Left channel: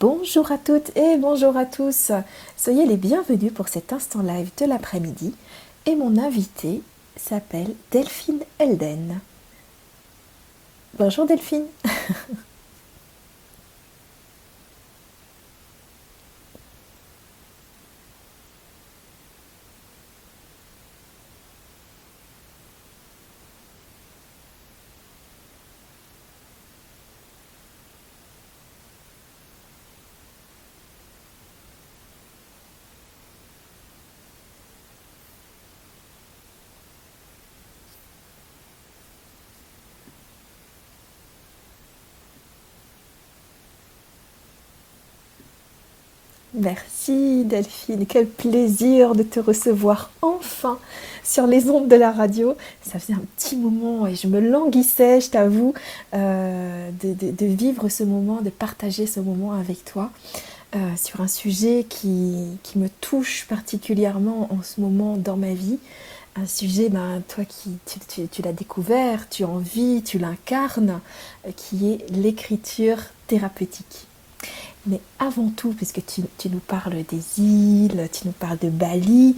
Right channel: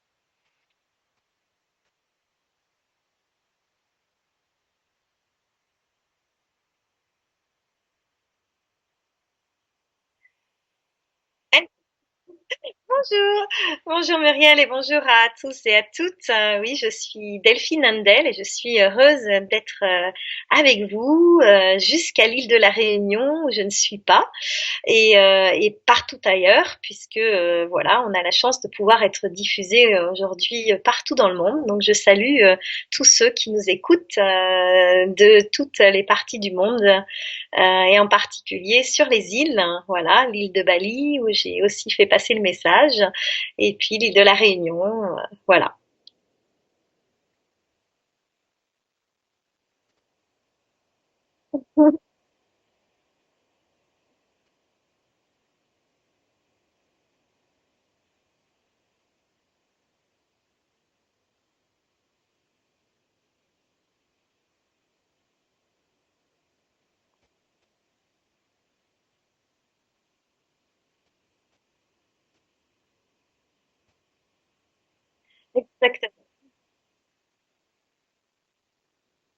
Bonjour à toutes et bonjour à tous. Soyez les bienvenus pour cet instant live de l'après-midi. Et mon invité s'appelle Delphine Elden. Bonjour Delphine. Bonjour, bonjour Muriel et bonjour à tous et à toutes. Oui, je suis Delphine Handel et je suis heureuse d'être avec vous jusqu'à l'île de la Réunion où je ne suis pas et partout ailleurs puisque voilà, on a la chance de pouvoir être diffusé aujourd'hui partout dans le monde. Donc je salue tous ceux qui nous écoutent de toutes les parties du monde et en particulier sur les îles, hein, voilà, l'île de Bali où j'ai aussi fait passer le message, et puis l'île de la Réunion, voilà. Merci Delphine. Quel plaisir de te recevoir enfin sur les ondes de la radio. Ça faisait un petit moment et je me languissais, je t'avoue, de vivre ce moment, de partager ce moment avec toi. Sur un sujet qui me touche particulièrement en ce moment dans ma vie. Un sujet, ben, toi qui tu l'as découvert, tu en vis, tu l'incarnes, qui est l'écriture thérapeutique. Mais avant tout, parce que Exactement. tu nous parles des îles, tu nous parles de Bali,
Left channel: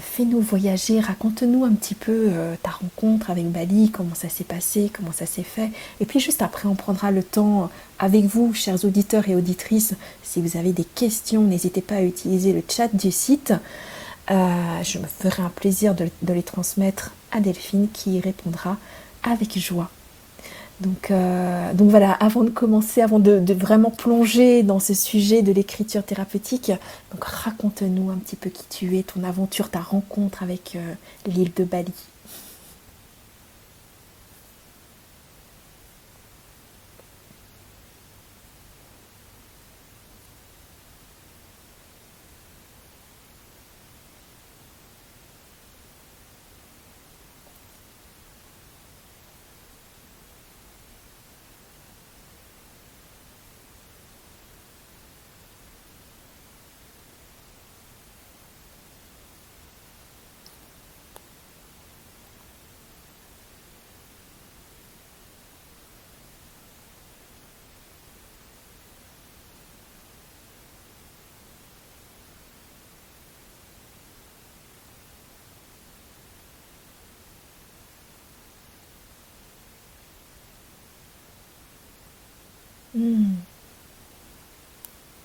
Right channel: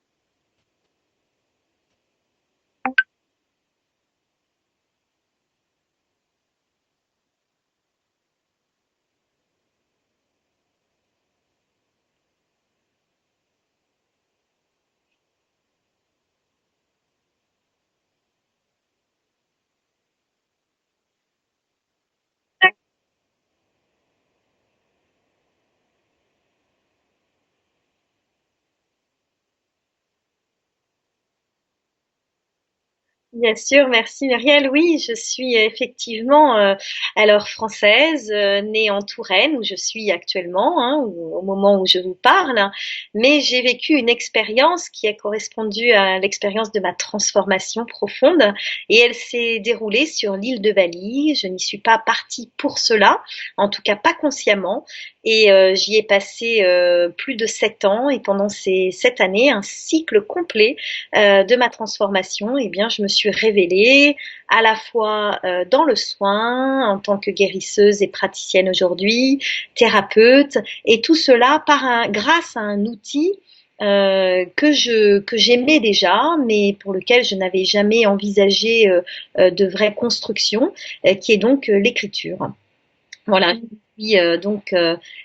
fais-nous voyager, raconte-nous un petit peu ta rencontre avec Bali, comment ça s'est passé, comment ça s'est fait. Et puis juste après, on prendra le temps avec vous, chers auditeurs et auditrices. Si vous avez des questions, n'hésitez pas à utiliser le chat du site. Je me ferai un plaisir de les transmettre à Delphine qui y répondra avec joie. Donc voilà, avant de commencer, avant de vraiment plonger dans ce sujet de l'écriture thérapeutique, donc raconte-nous un petit peu qui tu es, ton aventure, ta rencontre avec l'île de Bali. Bien sûr, merci Muriel. Oui, je suis effectivement alors française, née en Touraine où je suis actuellement, hein, au moment où je vous parle, mais j'ai vécu une expérience qui a correspondu à l'expérience de ma transformation profonde et elle s'est déroulée sur l'île de Bali. Je n'y suis pas partie pour cela, en tout cas pas consciemment. Et j'y ai passé plus de 7 ans et pendant ces 7 années, un cycle complet de ma transformation, eh bien, je me suis révélée à la fois dans le soin, en tant que guérisseuse et praticienne aujourd'hui, thérapeute, et tout cela grâce à un outil que j'aimais déjà, mais pour lequel je n'avais jamais envisagé de vraie construction, qui est donc l'écriture. Hmm. Voilà. Puis,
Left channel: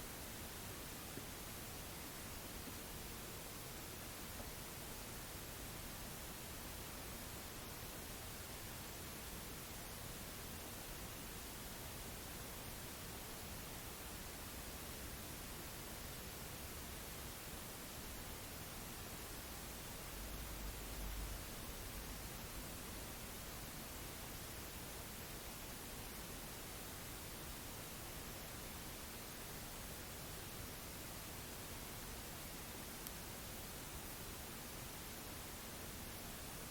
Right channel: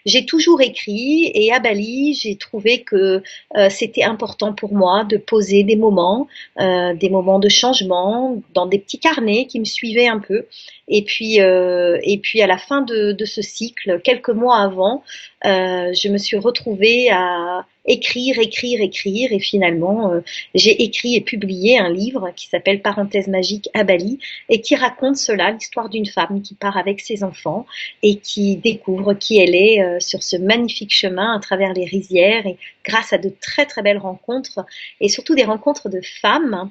j'ai toujours écrit et à Bali, j'ai trouvé que c'était important pour moi de poser des moments de changement dans des petits carnets qui me suivaient un peu. Et puis à la fin de ce cycle, quelques mois avant, je me suis retrouvée à écrire, écrire, écrire. Et finalement, j'ai écrit et publié un livre qui s'appelle Parenthèse magique à Bali et qui raconte cela, l'histoire d'une femme qui part avec ses enfants et qui découvre qui elle est sur ce magnifique chemin à travers les rizières et grâce à de très très belles rencontres et surtout des rencontres de femmes.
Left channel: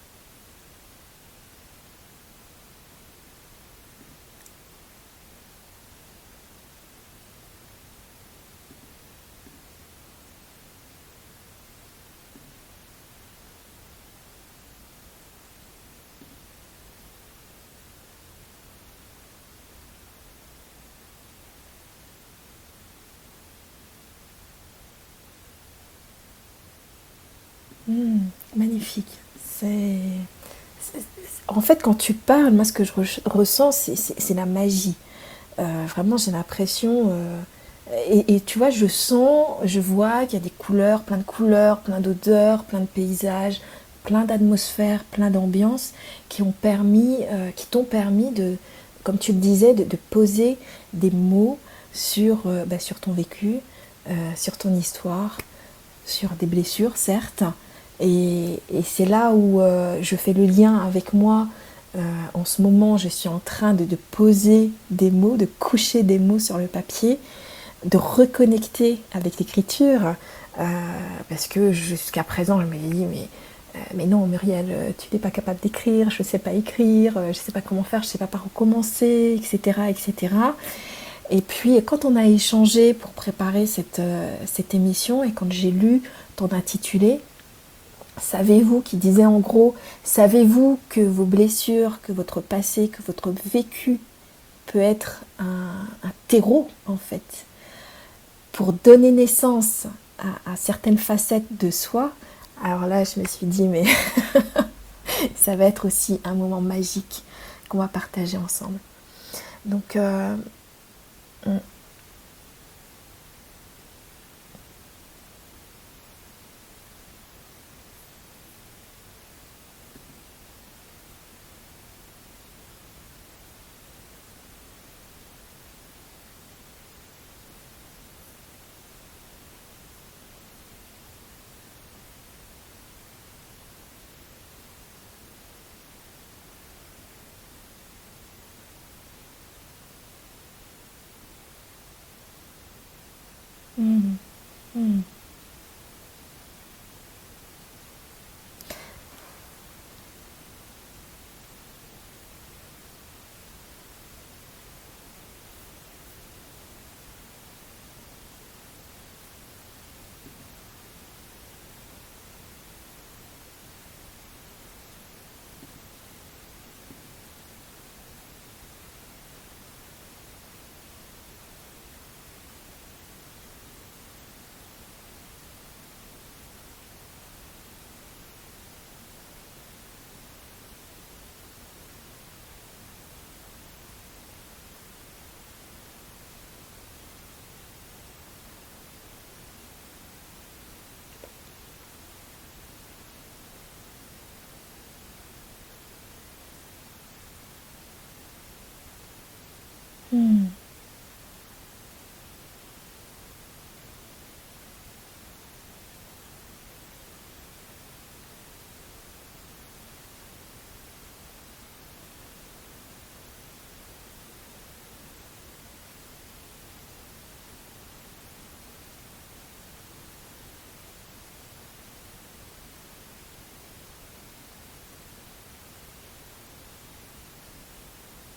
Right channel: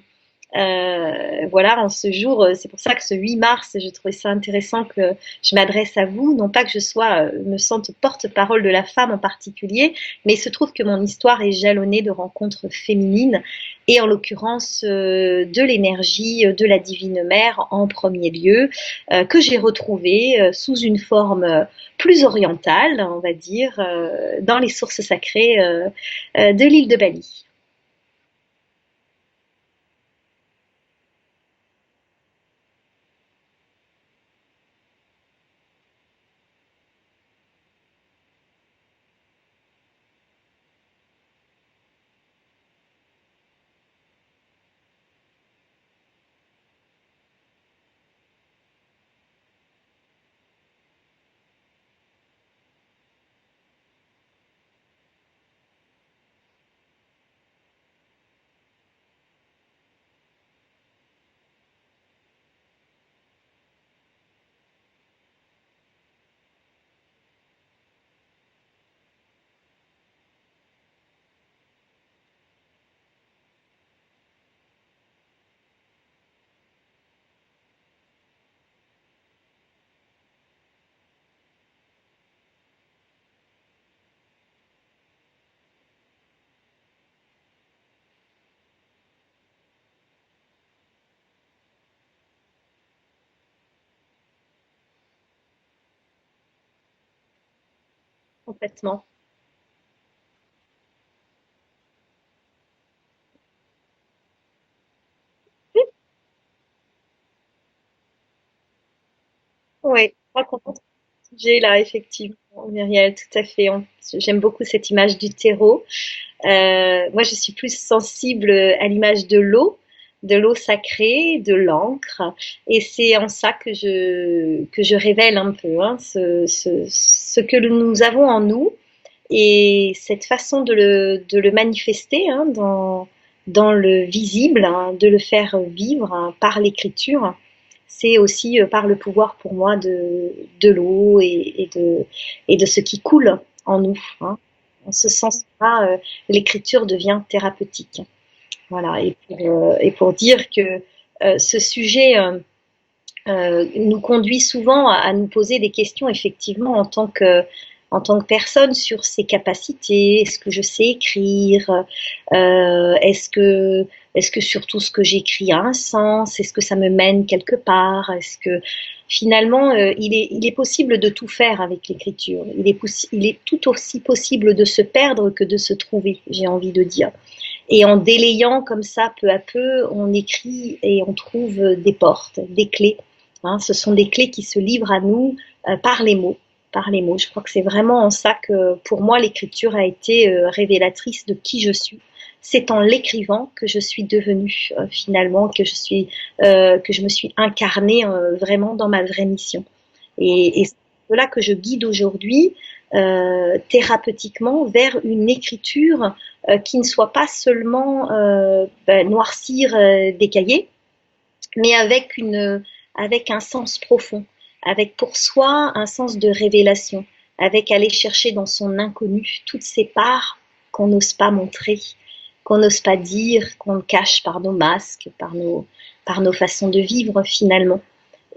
Voilà, en ce jour, c'est pour ça que ce 8 mars, je trouvais ça intéressant que je m'adresse à vous, non pas que je me sente porte-parole de la femme en particulier, mais il se trouve que mon histoire est jalonnée de rencontres féminines et en l'occurrence de l'énergie de la Divine Mère en premier lieu, que j'ai retrouvée sous une forme plus orientale, on va dire, dans les sources sacrées de l'île de Bali. Hmm. Magnifique. C'est- En fait, quand tu parles, moi, ce que je ressens, c'est la magie. Vraiment, j'ai l'impression. Et tu vois, je sens, je vois qu'il y a des couleurs, plein d'odeurs, plein de paysages, plein d'atmosphères, plein d'ambiances qui t'ont permis de, comme tu le disais, de poser des mots sur ton vécu, sur ton histoire, sur des blessures, certes. Et c'est là où je fais le lien avec moi. En ce moment, je suis en train de poser des mots, de coucher des mots sur le papier, de reconnecter avec l'écriture. euh, Parce que jusqu'à présent, je me dis, mais non, Muriel, tu n'es pas capable d'écrire, je ne sais pas écrire, je ne sais pas comment faire, je ne sais pas par où commencer, etc., etc. Et puis, quand on a échangé pour préparer cette émission et quand j'ai lu ton intitulé, savez-vous, qui disait en gros, savez-vous que vos blessures, que votre passé, que votre vécu peut être un terreau, en fait, pour complètement. donner naissance à certaines facettes de soi. Alors là, je me suis dit, mais ça va être aussi un moment magique qu'on va partager ensemble. Donc, Oui, je crois qu'on a ce sujet là, effectivement, Muriel, tout à fait. J'aime beaucoup cette image du terreau. Moi, je suis plus sensible à l'image de l'eau sacrée, de l'encre. Et c'est en ça que je révèle un peu hein, ce que nous avons en nous et cette façon de le manifester hein, dans le visible, hein, de le faire vivre hein, par l'écriture. C'est aussi par le pouvoir pour moi de l'eau et de ce qui coule en nous. Hein. En ce sens-là, l'écriture devient thérapeutique. Voilà, et pour dire que ce sujet nous conduit souvent à nous poser des questions, effectivement, en tant que personne sur ses capacités. Est-ce que je sais écrire est-ce que surtout ce que j'écris a un sens? Est-ce que ça me mène quelque part? Est-ce que finalement, il est possible de tout faire avec l'écriture. Il est tout aussi possible de se perdre que de se trouver, j'ai envie de dire. Et en délayant comme ça, peu à peu, on écrit et on trouve des portes, des clés. Hein, ce sont des clés qui se livrent à nous par les mots. Par les mots. Je crois que c'est vraiment en ça que, pour moi, l'écriture a été révélatrice de qui je suis. C'est en l'écrivant que je suis devenue finalement, que je me suis incarnée vraiment dans ma vraie mission. Et c'est cela que je guide aujourd'hui thérapeutiquement vers une écriture qui ne soit pas seulement noircir des cahiers, mais avec un sens profond, avec pour soi un sens de révélation, avec aller chercher dans son inconnu toutes ces parts qu'on n'ose pas montrer, qu'on n'ose pas dire, qu'on cache par nos masques, par nos façons de vivre finalement.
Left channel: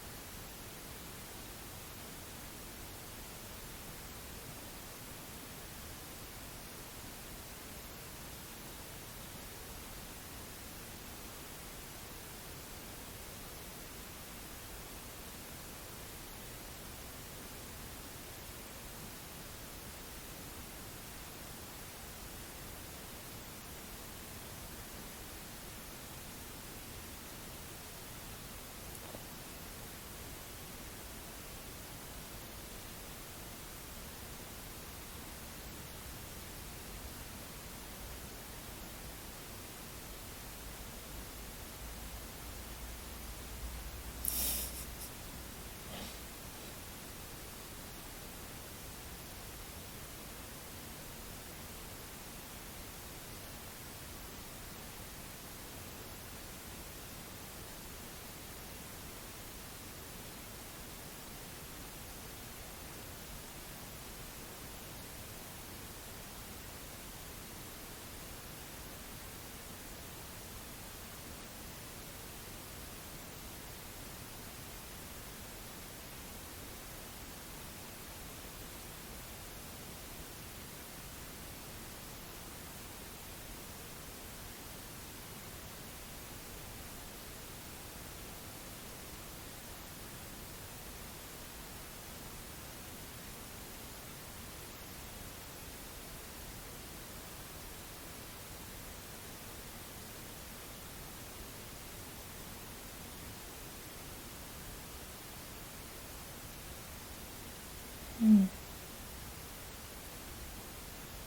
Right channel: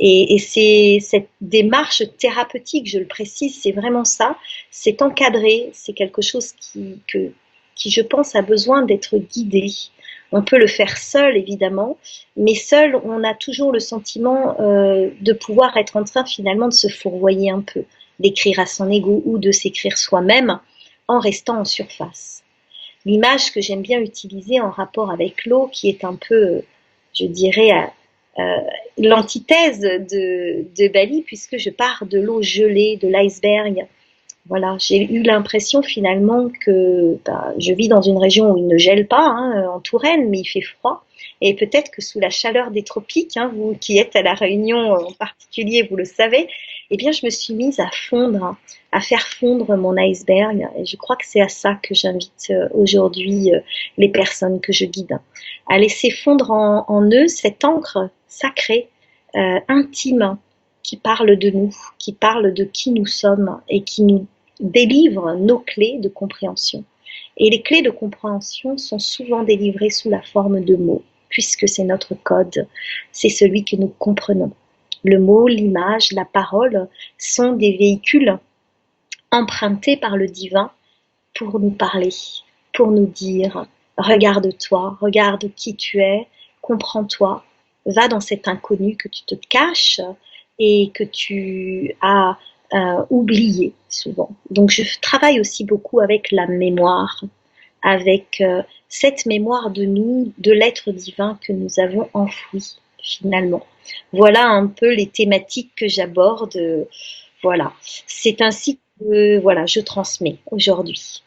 Et c'est cette démarche thérapeutique, je le précise, c'est vraiment ça. C'est encadré, c'est quelque chose qui, je pense, a besoin d'être guidé. On peut le faire seul, évidemment, mais seul, on a toujours le sentiment de pouvoir être en train finalement de se fourvoyer un peu, d'écrire à son ego ou de s'écrire soi-même en restant en surface. L'image que j'aime bien utiliser en rapport avec l'eau, qui est un peu, je dirais, euh, l'antithèse de Bali, puisque je pars de l'eau gelée, de l'iceberg. Voilà, j'ai eu l'impression finalement que je vis dans une région où il ne gèle pas, hein, en Touraine, mais il fait froid. Et peut-être que sous la chaleur des tropiques, hein, vous qui êtes à La Réunion en particulier, vous le savez, eh bien, je me suis mise à fondre, à faire fondre mon iceberg. Et je crois que c'est à ça que j'invite aujourd'hui les personnes que je guide, à laisser fondre en eux cette encre sacrée, intime, qui parle de nous, qui parle de qui nous sommes et qui nous délivre nos clés de compréhension. Et les clés de compréhension sont souvent délivrées sous la forme de mots, puisque c'est notre code, c'est celui que nous comprenons. Le mot, l'image, la parole sont des véhicules empruntés par le divin pour nous parler, pour nous dire regarde-toi, regarde qui tu es, comprends-toi, va dans cet inconnu que tu te caches et que tu as oublié souvent. Donc je travaille aussi beaucoup avec la mémoire, avec cette mémoire de nous, de l'être divin que nous avons enfoui finalement. Voilà un peu les thématiques que j'aborde. Voilà, c'est ainsi que voilà, je transmets aujourd'hui.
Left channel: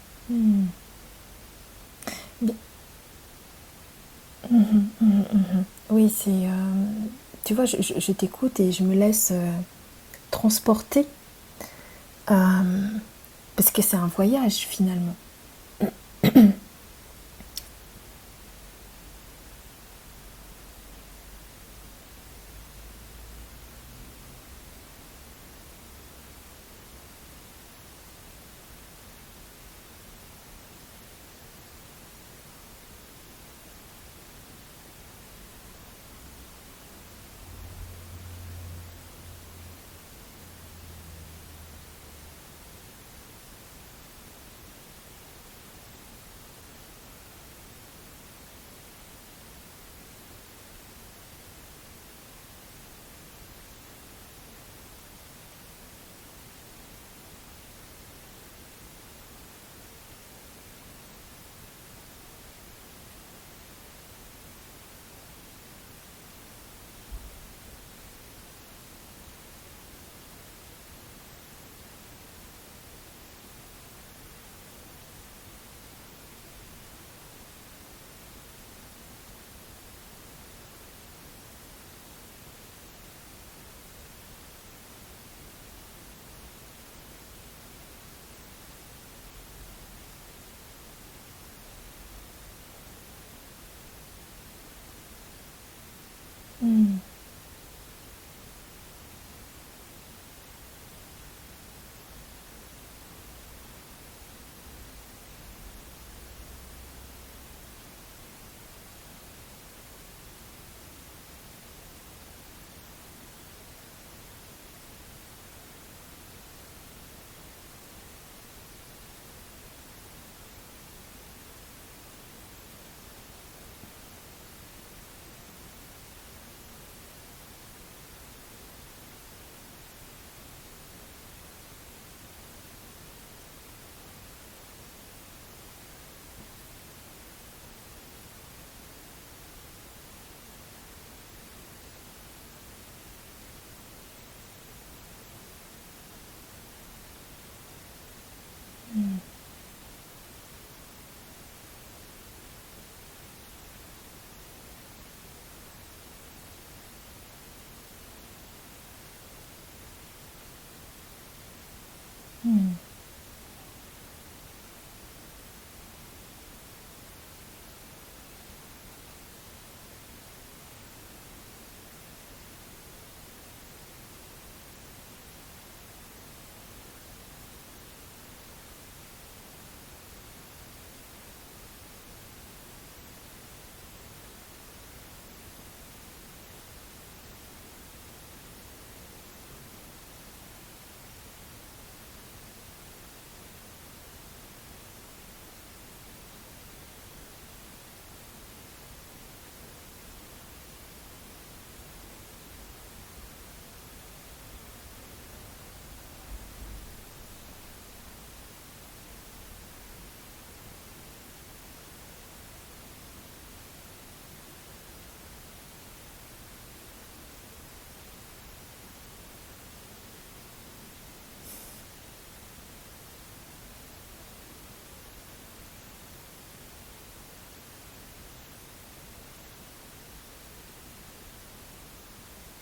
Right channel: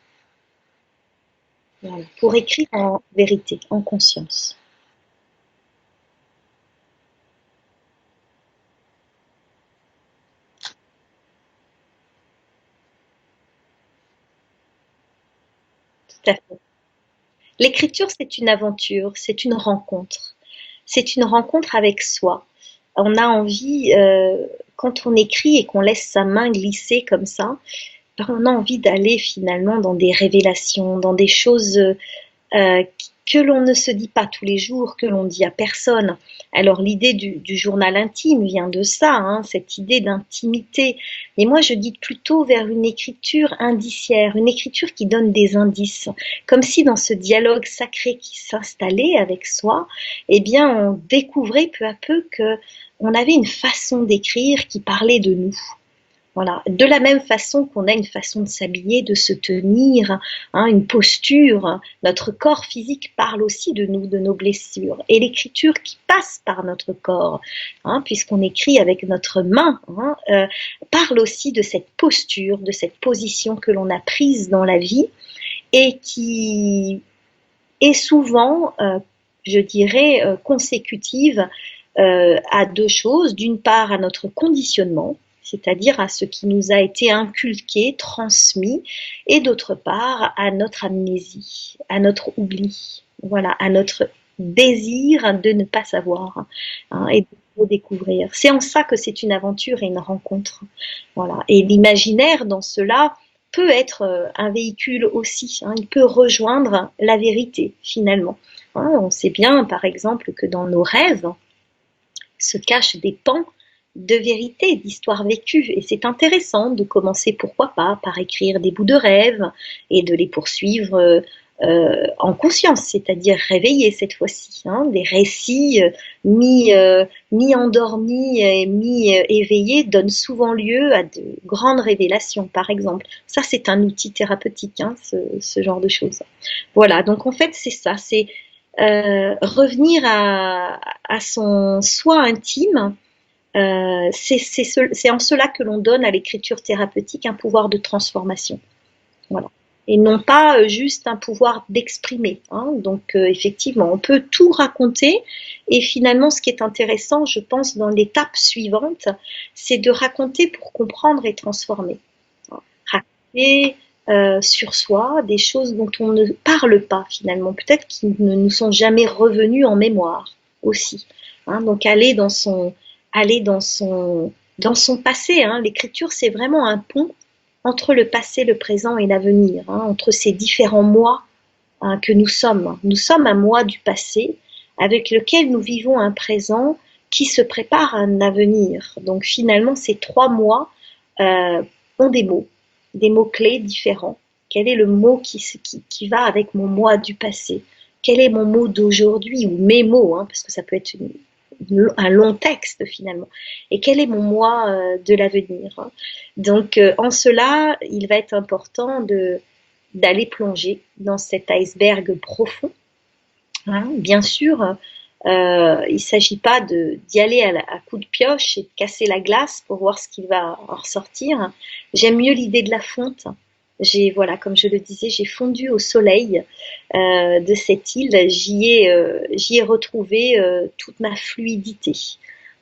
Voilà. Pour écrire en vérité, en conscience. oui, c'est. Tu vois, je t'écoute et je me laisse transporter parce que c'est un voyage finalement. Tout à fait. L'écriture, c'est une aventure, c'est une rencontre. C'est une rencontre avec soi. On a envie, quand on écrit et qu'on laisse sa main glisser comme ça, ben, on a envie d'aller finalement dans des révélations, dans des choses que l'on ne se dit pas tous les jours, que l'on dit à personne. Alors l'idée du journal intime vient de ça, hein, cette idée d'intimité. Mais moi, je guide plutôt vers une écriture indiciaire, une écriture qui donne des indices, comme si dans ce dialogue sacré qui s'installait avec soi, eh bien, on découvrait peu à peu que on avait une façon d'écrire qui parlait de nous. Voilà. De la même façon qu'on a une façon de s'habiller, de se tenir, hein, une posture, notre corps physique parle aussi de nous, de nos blessures. Et l'écriture qui passe par notre corps, hein, puisqu'on écrit avec notre main, hein, parle aussi de cette posture, de cette position que l'on a prise dans la vie et qui est souvent, je dirais, consécutive à deux choses. D'une part, à notre conditionnement, c'est-à-dire à ce qui nous a été inculqué, transmis, et d'autre part, à notre amnésie, à notre oubli, voilà, à notre désir de ne pas savoir, Mm. hein, et de redécouvrir. C'est en ça que c'est une aventure et une rencontre. Voilà. Et l'imaginaire, dans cela, peut être un véhicule aussi, hein. Il peut rejoindre la vérité, finalement. Hein, on sait bien, par exemple, que dans nos rêves se cachent des pans de vérité, d'histoires vécues. Et c'est intéressant de commencer, pourquoi pas, par écrire des bouts de rêve et de les poursuivre en conscience, c'est-à-dire réveillés cette fois-ci. Hein, des récits mi-endormis et mi-éveillés donnent souvent lieu à de grandes révélations, par exemple. Ça, c'est un outil thérapeutique, hein, ce genre de choses. Voilà, donc en fait, c'est ça, c'est revenir à son soi intime. C'est en cela que l'on donne à l'écriture thérapeutique un pouvoir de transformation. Voilà. Et non pas juste un pouvoir d'exprimer. Hein. Donc, effectivement, on peut tout raconter. Et finalement, ce qui est intéressant, je pense, dans l'étape suivante, c'est de raconter pour comprendre et transformer. Mm. Raconter sur soi des choses dont on ne parle pas, finalement. Peut-être qui ne nous sont jamais revenus en mémoire aussi. Hein. Donc, aller dans son passé. Hein. L'écriture, c'est vraiment un pont entre le passé, le présent et l'avenir, hein, entre ces différents mois hein, que nous sommes. Nous sommes un moi du passé avec lequel nous vivons un présent qui se prépare à un avenir. Donc finalement, ces 3 mois ont des mots-clés différents. Quel est le mot qui va avec mon moi du passé? Quel est mon mot d'aujourd'hui ou mes mots, hein, parce que ça peut être un long texte finalement. Et quel est mon moi de l'avenir, hein. Donc en cela, il va être important d'aller plonger dans cet iceberg profond. Hein. Bien sûr, il ne s'agit pas d'y aller à coup de pioche et de casser la glace pour voir ce qui va en ressortir. J'aime mieux l'idée de la fonte. Voilà, comme je le disais, j'ai fondu au soleil de cette île. J'y ai retrouvé toute ma fluidité.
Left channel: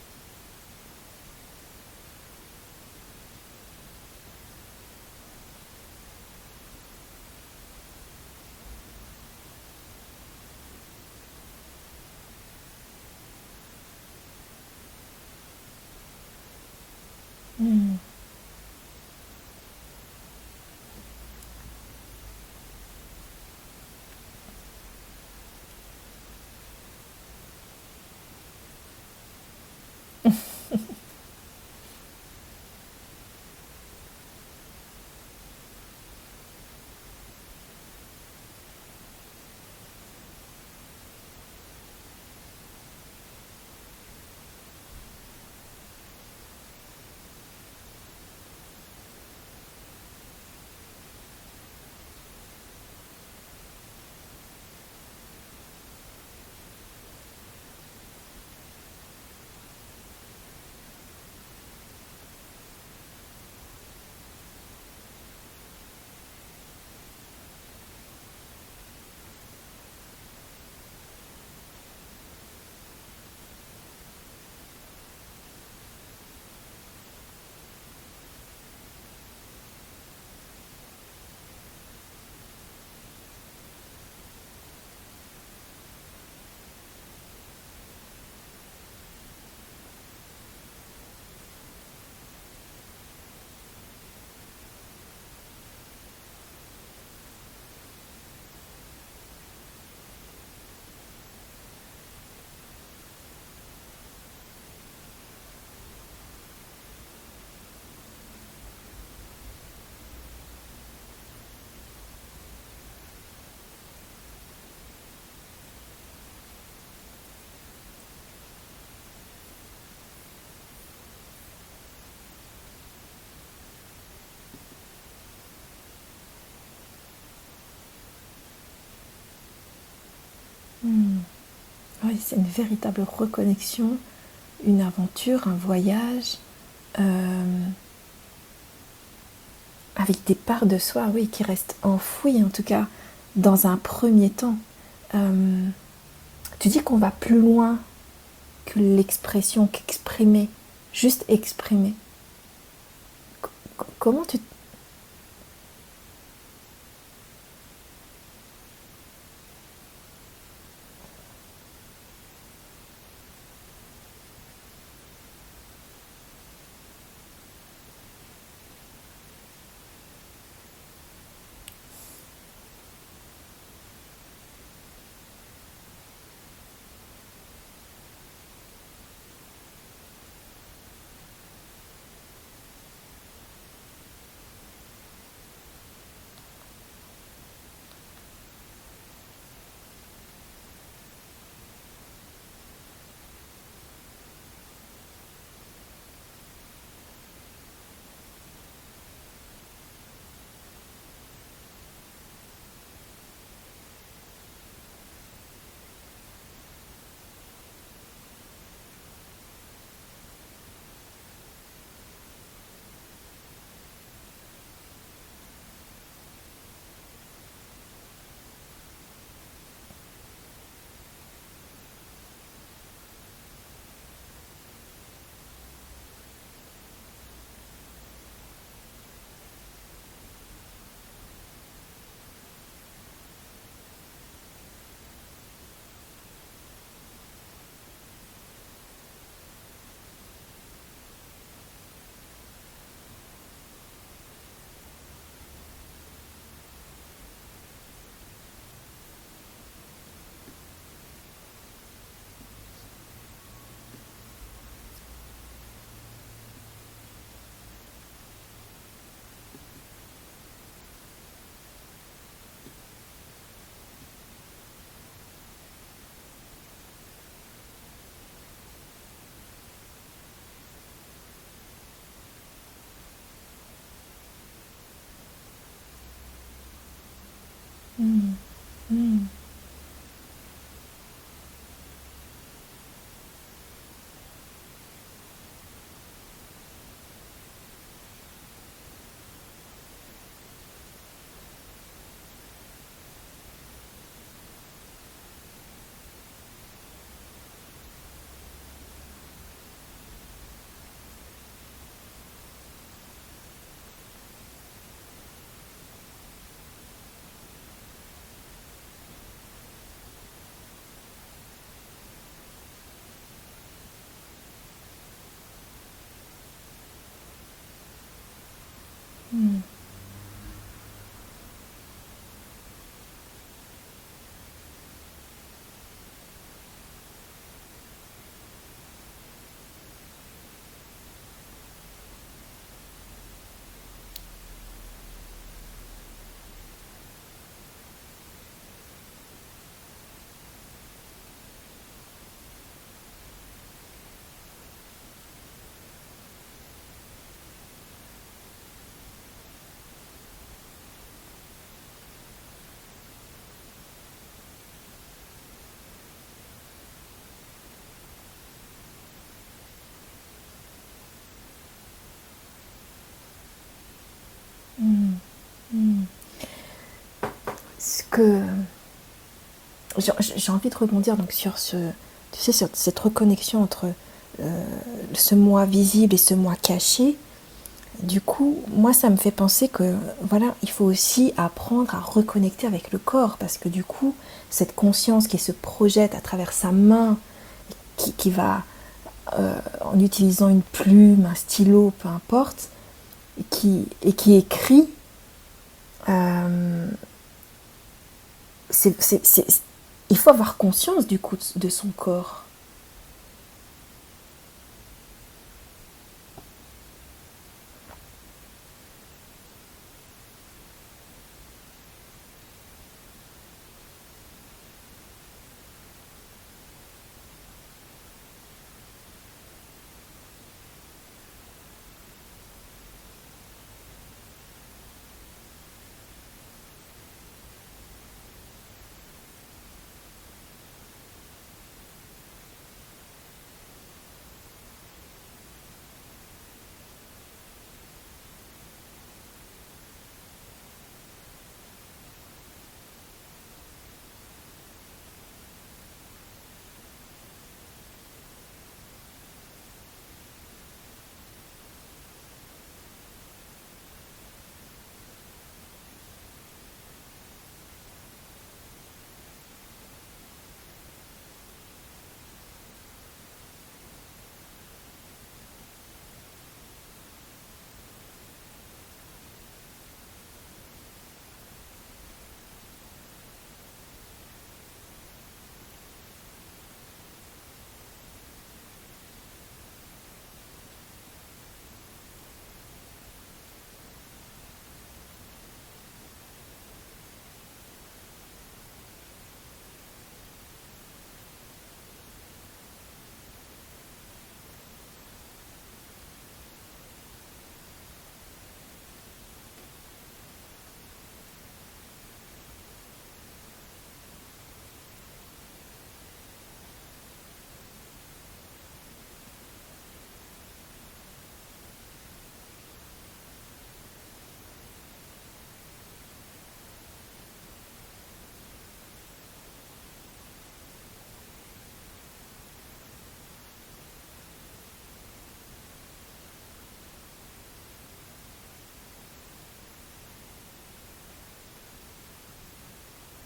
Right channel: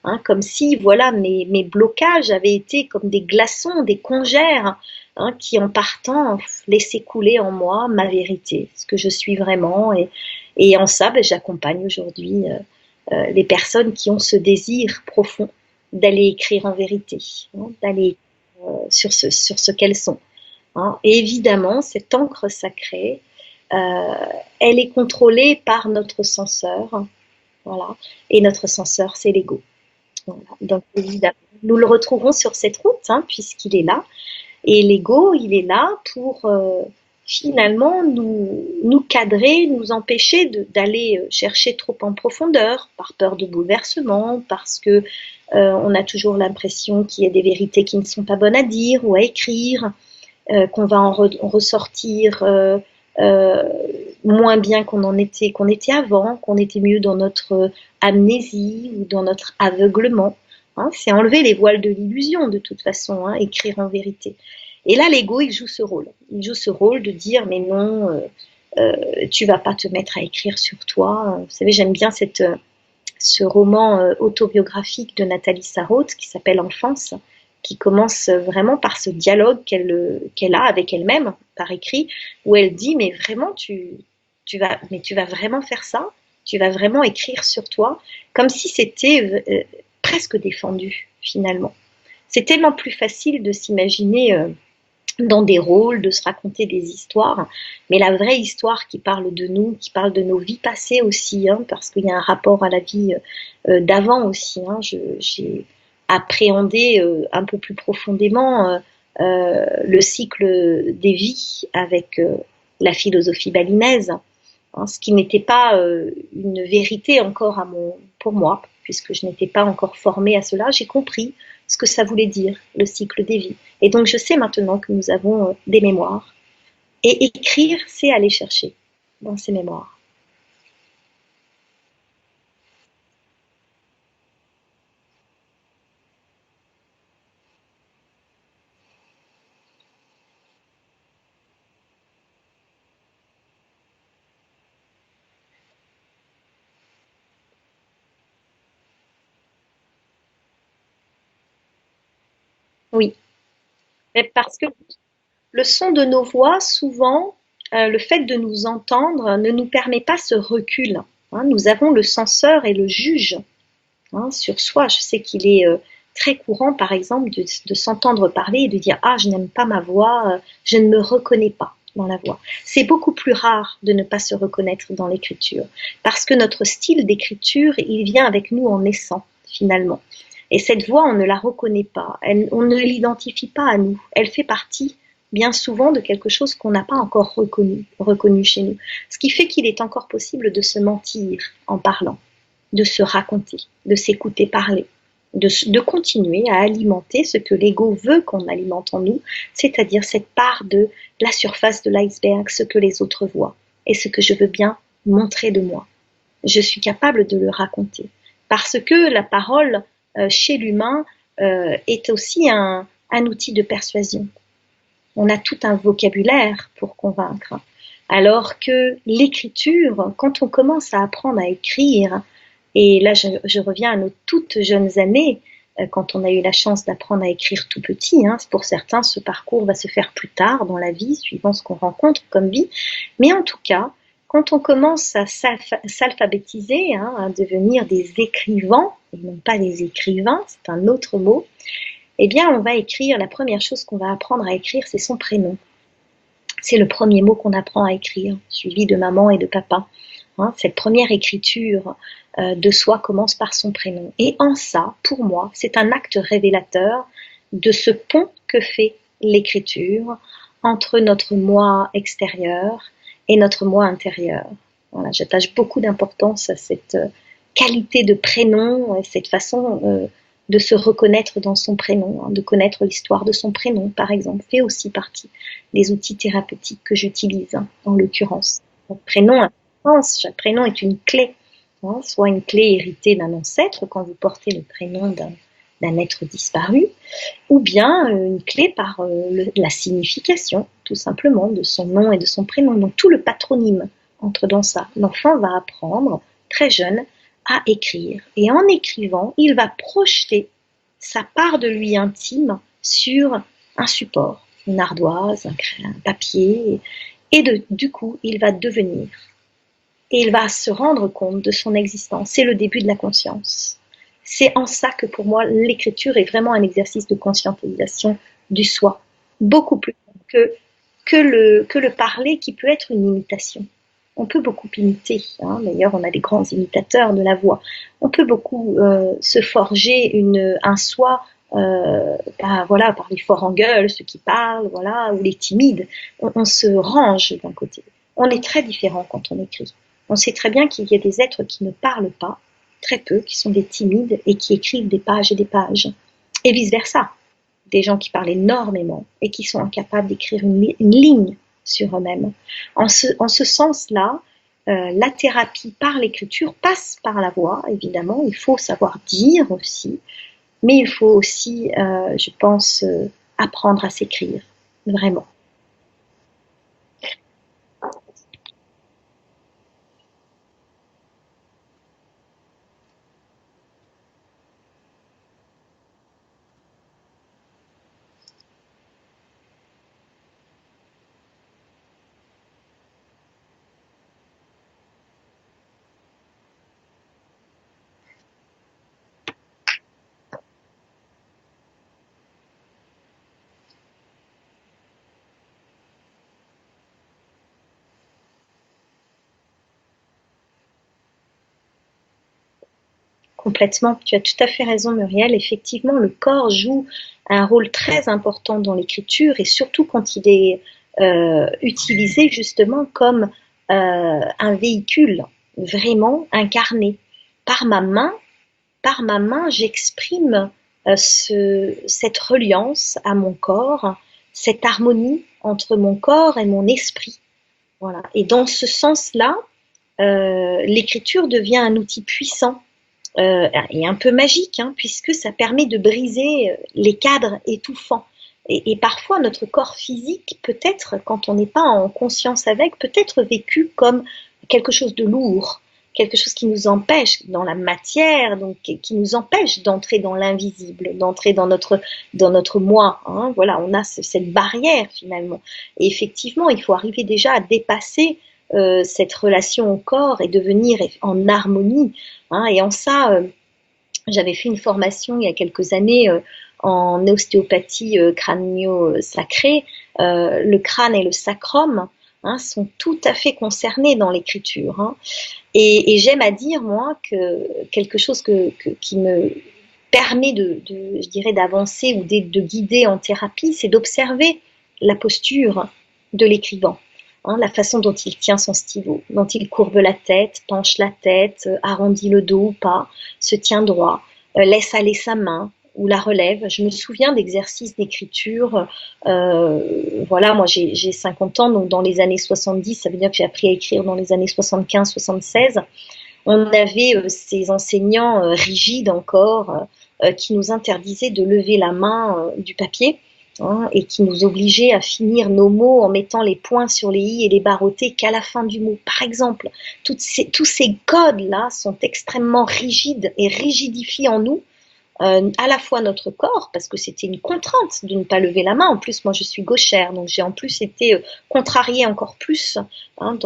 Hein, comme si, voilà, mes blocages avaient été comme des glaçons, des congères, hein, qui en partant laissaient couler en moi ma vérité, ce que je suis vraiment. Et en ça, ben, j'accompagne aujourd'hui les personnes qui ont ce désir profond d'aller écrire en vérité, hein, Mm. d'aller sur ce qu'elles sont. Hein. Et évidemment, cette encre sacrée, euh, elle est contrôlée par notre censeur, voilà. Et notre censeur, c'est l'ego. Voilà. Donc évidemment, nous le retrouvons sur cette route, hein, puisqu'il est là. Et l'ego, il est là pour finalement nous cadrer, nous empêcher d'aller chercher trop en profondeur, par peur de bouleversement, parce que on a toujours l'impression qu'il y a des vérités qui ne sont pas bonnes à dire ou à écrire, qu'on va en ressortir euh, moins bien qu'on était avant, qu'on était mieux dans notre amnésie ou dans notre aveuglement. Hein. C'est enlever les voiles de l'illusion de toute façon, hein, écrire en vérité. Et là, l'ego, il joue ce rôle. Il joue ce rôle de dire, mais non, tu vas pas te mettre à écrire sur toi. Vous savez, j'aime bien ce roman autobiographique de Nathalie Sarraute qui s'appelle Enfance, qui commence vraiment par ce dialogue qu'elle a avec elle-même par écrit, où elle dit, mais vraiment, tu vas vraiment faire ça? Tu vas vraiment écrire sur toi? Comme si c'était presque défendu, finalement. C'est tellement plus facile de s'imaginer dans des rôles, de se raconter des histoires, mais la vraie histoire qui parle de nous, qui parle de nos vies passées aussi, hein, parce qu'il y a un rapport à la vie d'avant aussi. Hein, j'ai appréhendé un peu plus profondément le cycle des vies avec la philosophie balinaise, hein, ce qui n'était pas une vérité encore pour moi, puisque je n'étais pas encore formée à cela. J'ai compris ce que ça voulait dire, le cycle des vies. Et donc, je sais maintenant que nous avons des mémoires. Et écrire, c'est aller chercher dans ces mémoires. Hmm. Oui, c'est une véritable reconnexion, une aventure, un voyage, euh, avec des parts de soi, oui, qui restent enfouies, en tout cas, dans un premier temps. Euh, Tu dis qu'on va plus loin que l'expression, qu'exprimer, juste exprimer. Oui, Comment mais tu... parce que le son de nos voix, souvent, le fait de nous entendre ne nous permet pas ce recul. Hein. Nous avons le censeur et le juge, hein, sur soi. Je sais qu'il est très courant, par exemple, de s'entendre parler et de dire ah, je n'aime pas ma voix, je ne me reconnais pas dans la voix. C'est beaucoup plus rare de ne pas se reconnaître dans l'écriture, parce que notre style d'écriture, il vient avec nous en naissant, finalement. Et cette voix, on ne la reconnaît pas, on ne l'identifie pas à nous. Elle fait partie, bien souvent, de quelque chose qu'on n'a pas encore reconnu chez nous. Ce qui fait qu'il est encore possible de se mentir en parlant, de se raconter, de s'écouter parler, de continuer à alimenter ce que l'ego veut qu'on alimente en nous, c'est-à-dire cette part de la surface de l'iceberg, ce que les autres voient et ce que je veux bien montrer de moi. Je suis capable de le raconter. Parce que la parole, chez l'humain, est aussi un outil de persuasion. On a tout un vocabulaire pour convaincre. Alors que l'écriture, quand on commence à apprendre à écrire, et là, je reviens à nos toutes jeunes années, quand on a eu la chance d'apprendre à écrire tout petit. Hein. Pour certains, ce parcours va se faire plus tard dans la vie, suivant ce qu'on rencontre comme vie. Mais en tout cas, quand on commence à s'alphabétiser, hein, à devenir des écrivains, et non pas des écrivains, c'est un autre mot, eh bien, on va écrire, la première chose qu'on va apprendre à écrire, c'est son prénom. C'est le premier mot qu'on apprend à écrire, suivi de maman et de papa. Hein, cette première écriture de soi commence par son prénom. Et en ça, pour moi, c'est un acte révélateur de ce pont que fait l'écriture entre notre moi extérieur et notre moi intérieur. Voilà, j'attache beaucoup d'importance à cette qualité de prénom, cette façon de se reconnaître dans son prénom, hein, de connaître l'histoire de son prénom, par exemple, fait aussi partie des outils thérapeutiques que j'utilise, hein, en l'occurrence. Mm. Prénom, chaque prénom est une clé, hein, soit une clé héritée d'un ancêtre quand vous portez le prénom d'un être disparu, ou bien une clé par la signification, tout simplement, de son nom et de son prénom. Donc tout le patronyme entre dans ça. L'enfant va apprendre, très jeune, à écrire. Et en écrivant, il va projeter sa part de lui intime sur un support, une ardoise, un papier, et du coup, il va devenir. Et il va se rendre compte de son existence. C'est le début de la conscience. C'est en ça que pour moi, l'écriture est vraiment un exercice de conscientisation du soi, Mm. beaucoup plus que, que le parler qui peut être une imitation. On peut beaucoup imiter, hein. D'ailleurs on a des grands imitateurs de la voix. On peut beaucoup se forger un soi, voilà, par les forts en gueule, ceux qui parlent, voilà, ou les timides. On se range d'un côté. On est très différent quand on écrit. On sait très bien qu'il y a des êtres qui ne parlent pas, très peu, qui sont des timides et qui écrivent des pages et des pages. Et vice-versa. Des gens qui parlent énormément et qui sont incapables d'écrire une ligne sur eux-mêmes. En ce sens-là, la thérapie par l'écriture passe par la voix, évidemment. Il faut savoir dire aussi, mais il faut aussi, je pense, apprendre à s'écrire, Mm. vraiment. Mm. Ce que j'ai envie de rebondir donc sur tu sais, sur cette reconnexion entre ce moi visible et ce moi caché. Du coup, moi, ça me fait penser que voilà, il faut aussi apprendre à reconnecter avec le corps parce que du coup, cette conscience qui se projette à travers sa main, qui va en utilisant une plume, un stylo, peu importe, et qui écrit, euh, il faut avoir conscience du coup de son corps. Complètement. Tu as tout à fait raison, Muriel. Effectivement, le corps joue un rôle très important dans l'écriture et surtout quand il est utilisé justement comme un véhicule vraiment incarné. Par ma main, par ma main, j'exprime cette reliance à mon corps, cette harmonie entre mon corps et mon esprit. Voilà. Et dans ce sens-là, l'écriture devient un outil puissant et un peu magique, hein, puisque ça permet de briser les cadres étouffants. Et parfois, notre corps physique, peut-être, quand on n'est pas en conscience avec, peut être vécu comme quelque chose de lourd, quelque chose qui nous empêche dans la matière, donc qui nous empêche d'entrer dans l'invisible, d'entrer dans notre moi. Hein. Voilà, on a cette barrière finalement. Et effectivement, il faut arriver déjà à dépasser cette relation au corps et devenir en harmonie. Hein. Et en ça, j'avais fait une formation il y a quelques années en ostéopathie crânio-sacrée. Le crâne et le sacrum, hein, sont tout à fait concernés dans l'écriture. Hein. Et j'aime à dire, moi, que quelque chose qui me permet je dirais, d'avancer ou de guider en thérapie, c'est d'observer la posture de l'écrivain. Hein, la façon dont il tient son stylo, dont il courbe la tête, penche la tête, arrondit le dos ou pas, se tient droit, laisse aller sa main ou la relève. Je me souviens d'exercices d'écriture. Voilà, moi j'ai 50 ans, donc dans les années 70, ça veut dire que j'ai appris à écrire dans les années 75-76. On avait ces enseignants rigides encore qui nous interdisaient de lever la main du papier, hein, et qui nous obligeaient à finir nos mots en mettant les points sur les i et les barreautés qu'à la fin du mot. Par exemple, tous ces codes-là sont extrêmement rigides et rigidifient en nous à la fois notre corps, parce que c'était une contrainte de ne pas lever la main. En plus, moi, je suis gauchère, donc j'ai en plus été contrariée encore plus, hein,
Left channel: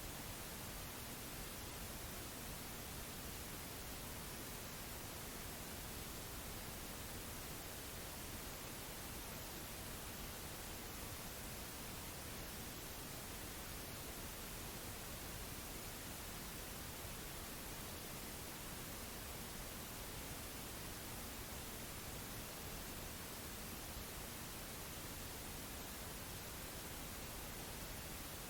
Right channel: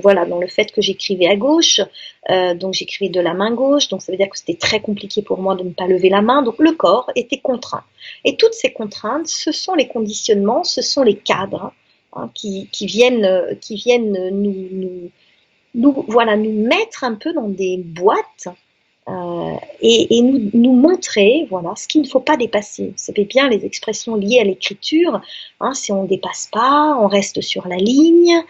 voilà, dans le fait que j'écrivais à gauche, donc j'écrivais de la main gauche, donc ça veut dire que c'était très compliqué pour moi de ne pas lever la main, donc le corps était contraint. Et toutes ces contraintes, ce sont les conditionnements, ce sont les cadres, hein, qui viennent voilà, nous mettre un peu dans des boîtes et nous montrer voilà, ce qu'il ne faut pas dépasser. Vous savez bien, les expressions liées à l'écriture, hein, si on ne dépasse pas, on reste sur la ligne,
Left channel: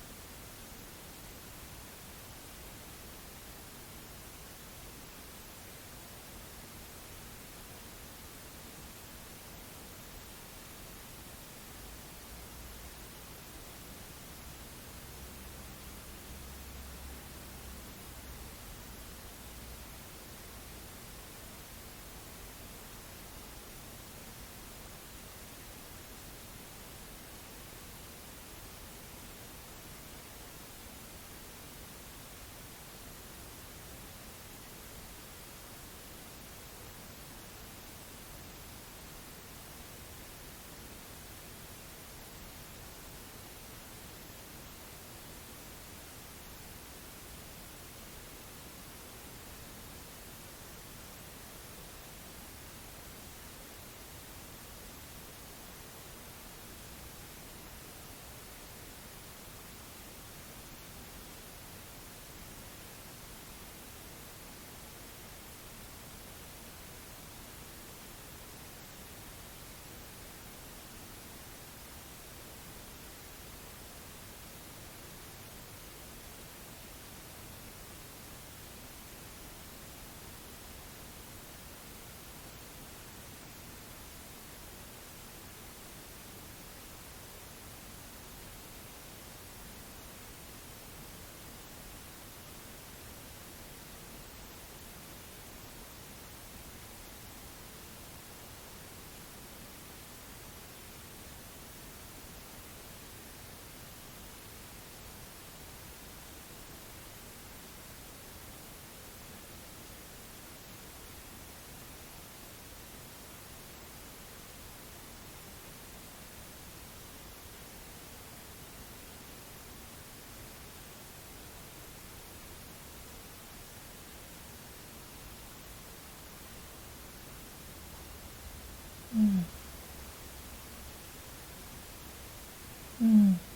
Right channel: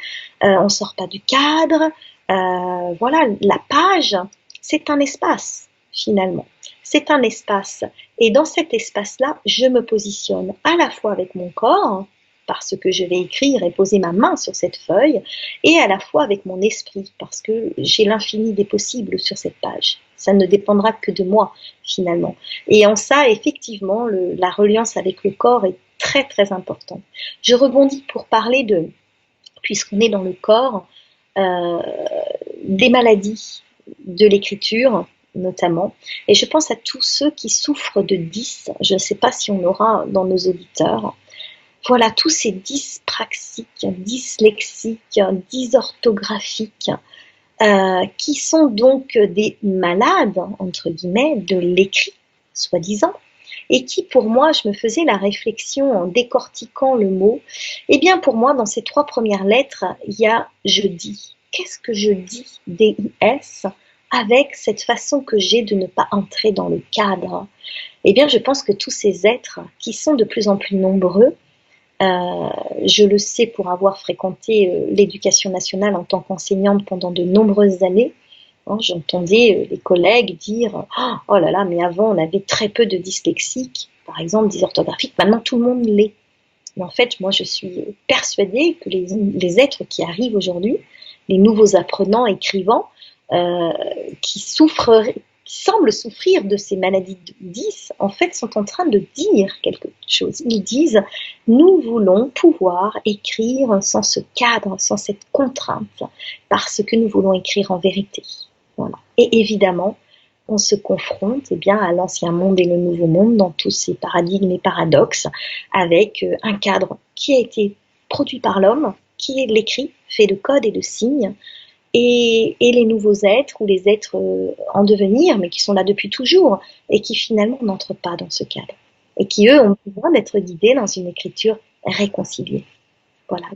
on ne sort pas du cadre. Voilà, la page, c'est un espace, finalement. C'est un espace. Et dans cet espace-là, je me positionne à la fois avec mon corps, parce que je vais écrire et poser ma main sur cette feuille, et à la fois avec mon esprit, parce que j'ai l'infini des possibles sur cette page. Ça ne dépendra que de moi, finalement. Et en ça, effectivement, la reliance avec le corps est très, très importante. Je rebondis pour parler puisqu'on est dans le corps, euh, des maladies de l'écriture, notamment. Et je pense à tous ceux qui souffrent de 10. Je ne sais pas si on aura dans nos auditeurs. Voilà, tous ces dyspraxiques, dyslexiques, dysorthographiques, qui sont donc des malades, entre guillemets, de l'écrit, soi-disant, et qui, pour moi, je me faisais la réflexion en décortiquant le mot, eh bien, pour moi, dans ces trois premières lettres, il y a je dis. Qu'est-ce que je dis, D-I-S, avec cette façon que j'ai de ne pas entrer dans le cadre? Eh bien, je pense que tous ces êtres, qui sont de plus en plus nombreux, euh, je le sais pour avoir fréquenté l'éducation nationale en tant qu'enseignante pendant de nombreuses années. Hein, j'entendais les collègues dire oh là là, mais avant on avait très peu de dyslexiques, par exemple dysorthographiques, maintenant tout le monde l'est. Mais en fait, moi je suis persuadée que les êtres qui arrivent aujourd'hui, les nouveaux apprenants, écrivants, euh, qui souffrent, qui semblent souffrir de ces maladies de 10, en fait, sont en train de dire quelque chose. Ils disent, nous voulons pouvoir écrire sans ce cadre, sans cette contrainte, parce que nous voulons écrire en vérité. Voilà. Et évidemment, on se confronte eh bien, à l'ancien monde et le nouveau monde dans tous ces paradigmes et paradoxes, avec un cadre qui a été produit par l'homme, qui est l'écrit, fait de codes et de signes, et les nouveaux êtres ou les êtres en devenir, mais qui sont là depuis toujours et qui finalement n'entrent pas dans ce cadre et qui, eux, ont besoin d'être guidés dans une écriture réconciliée. Mm. Voilà,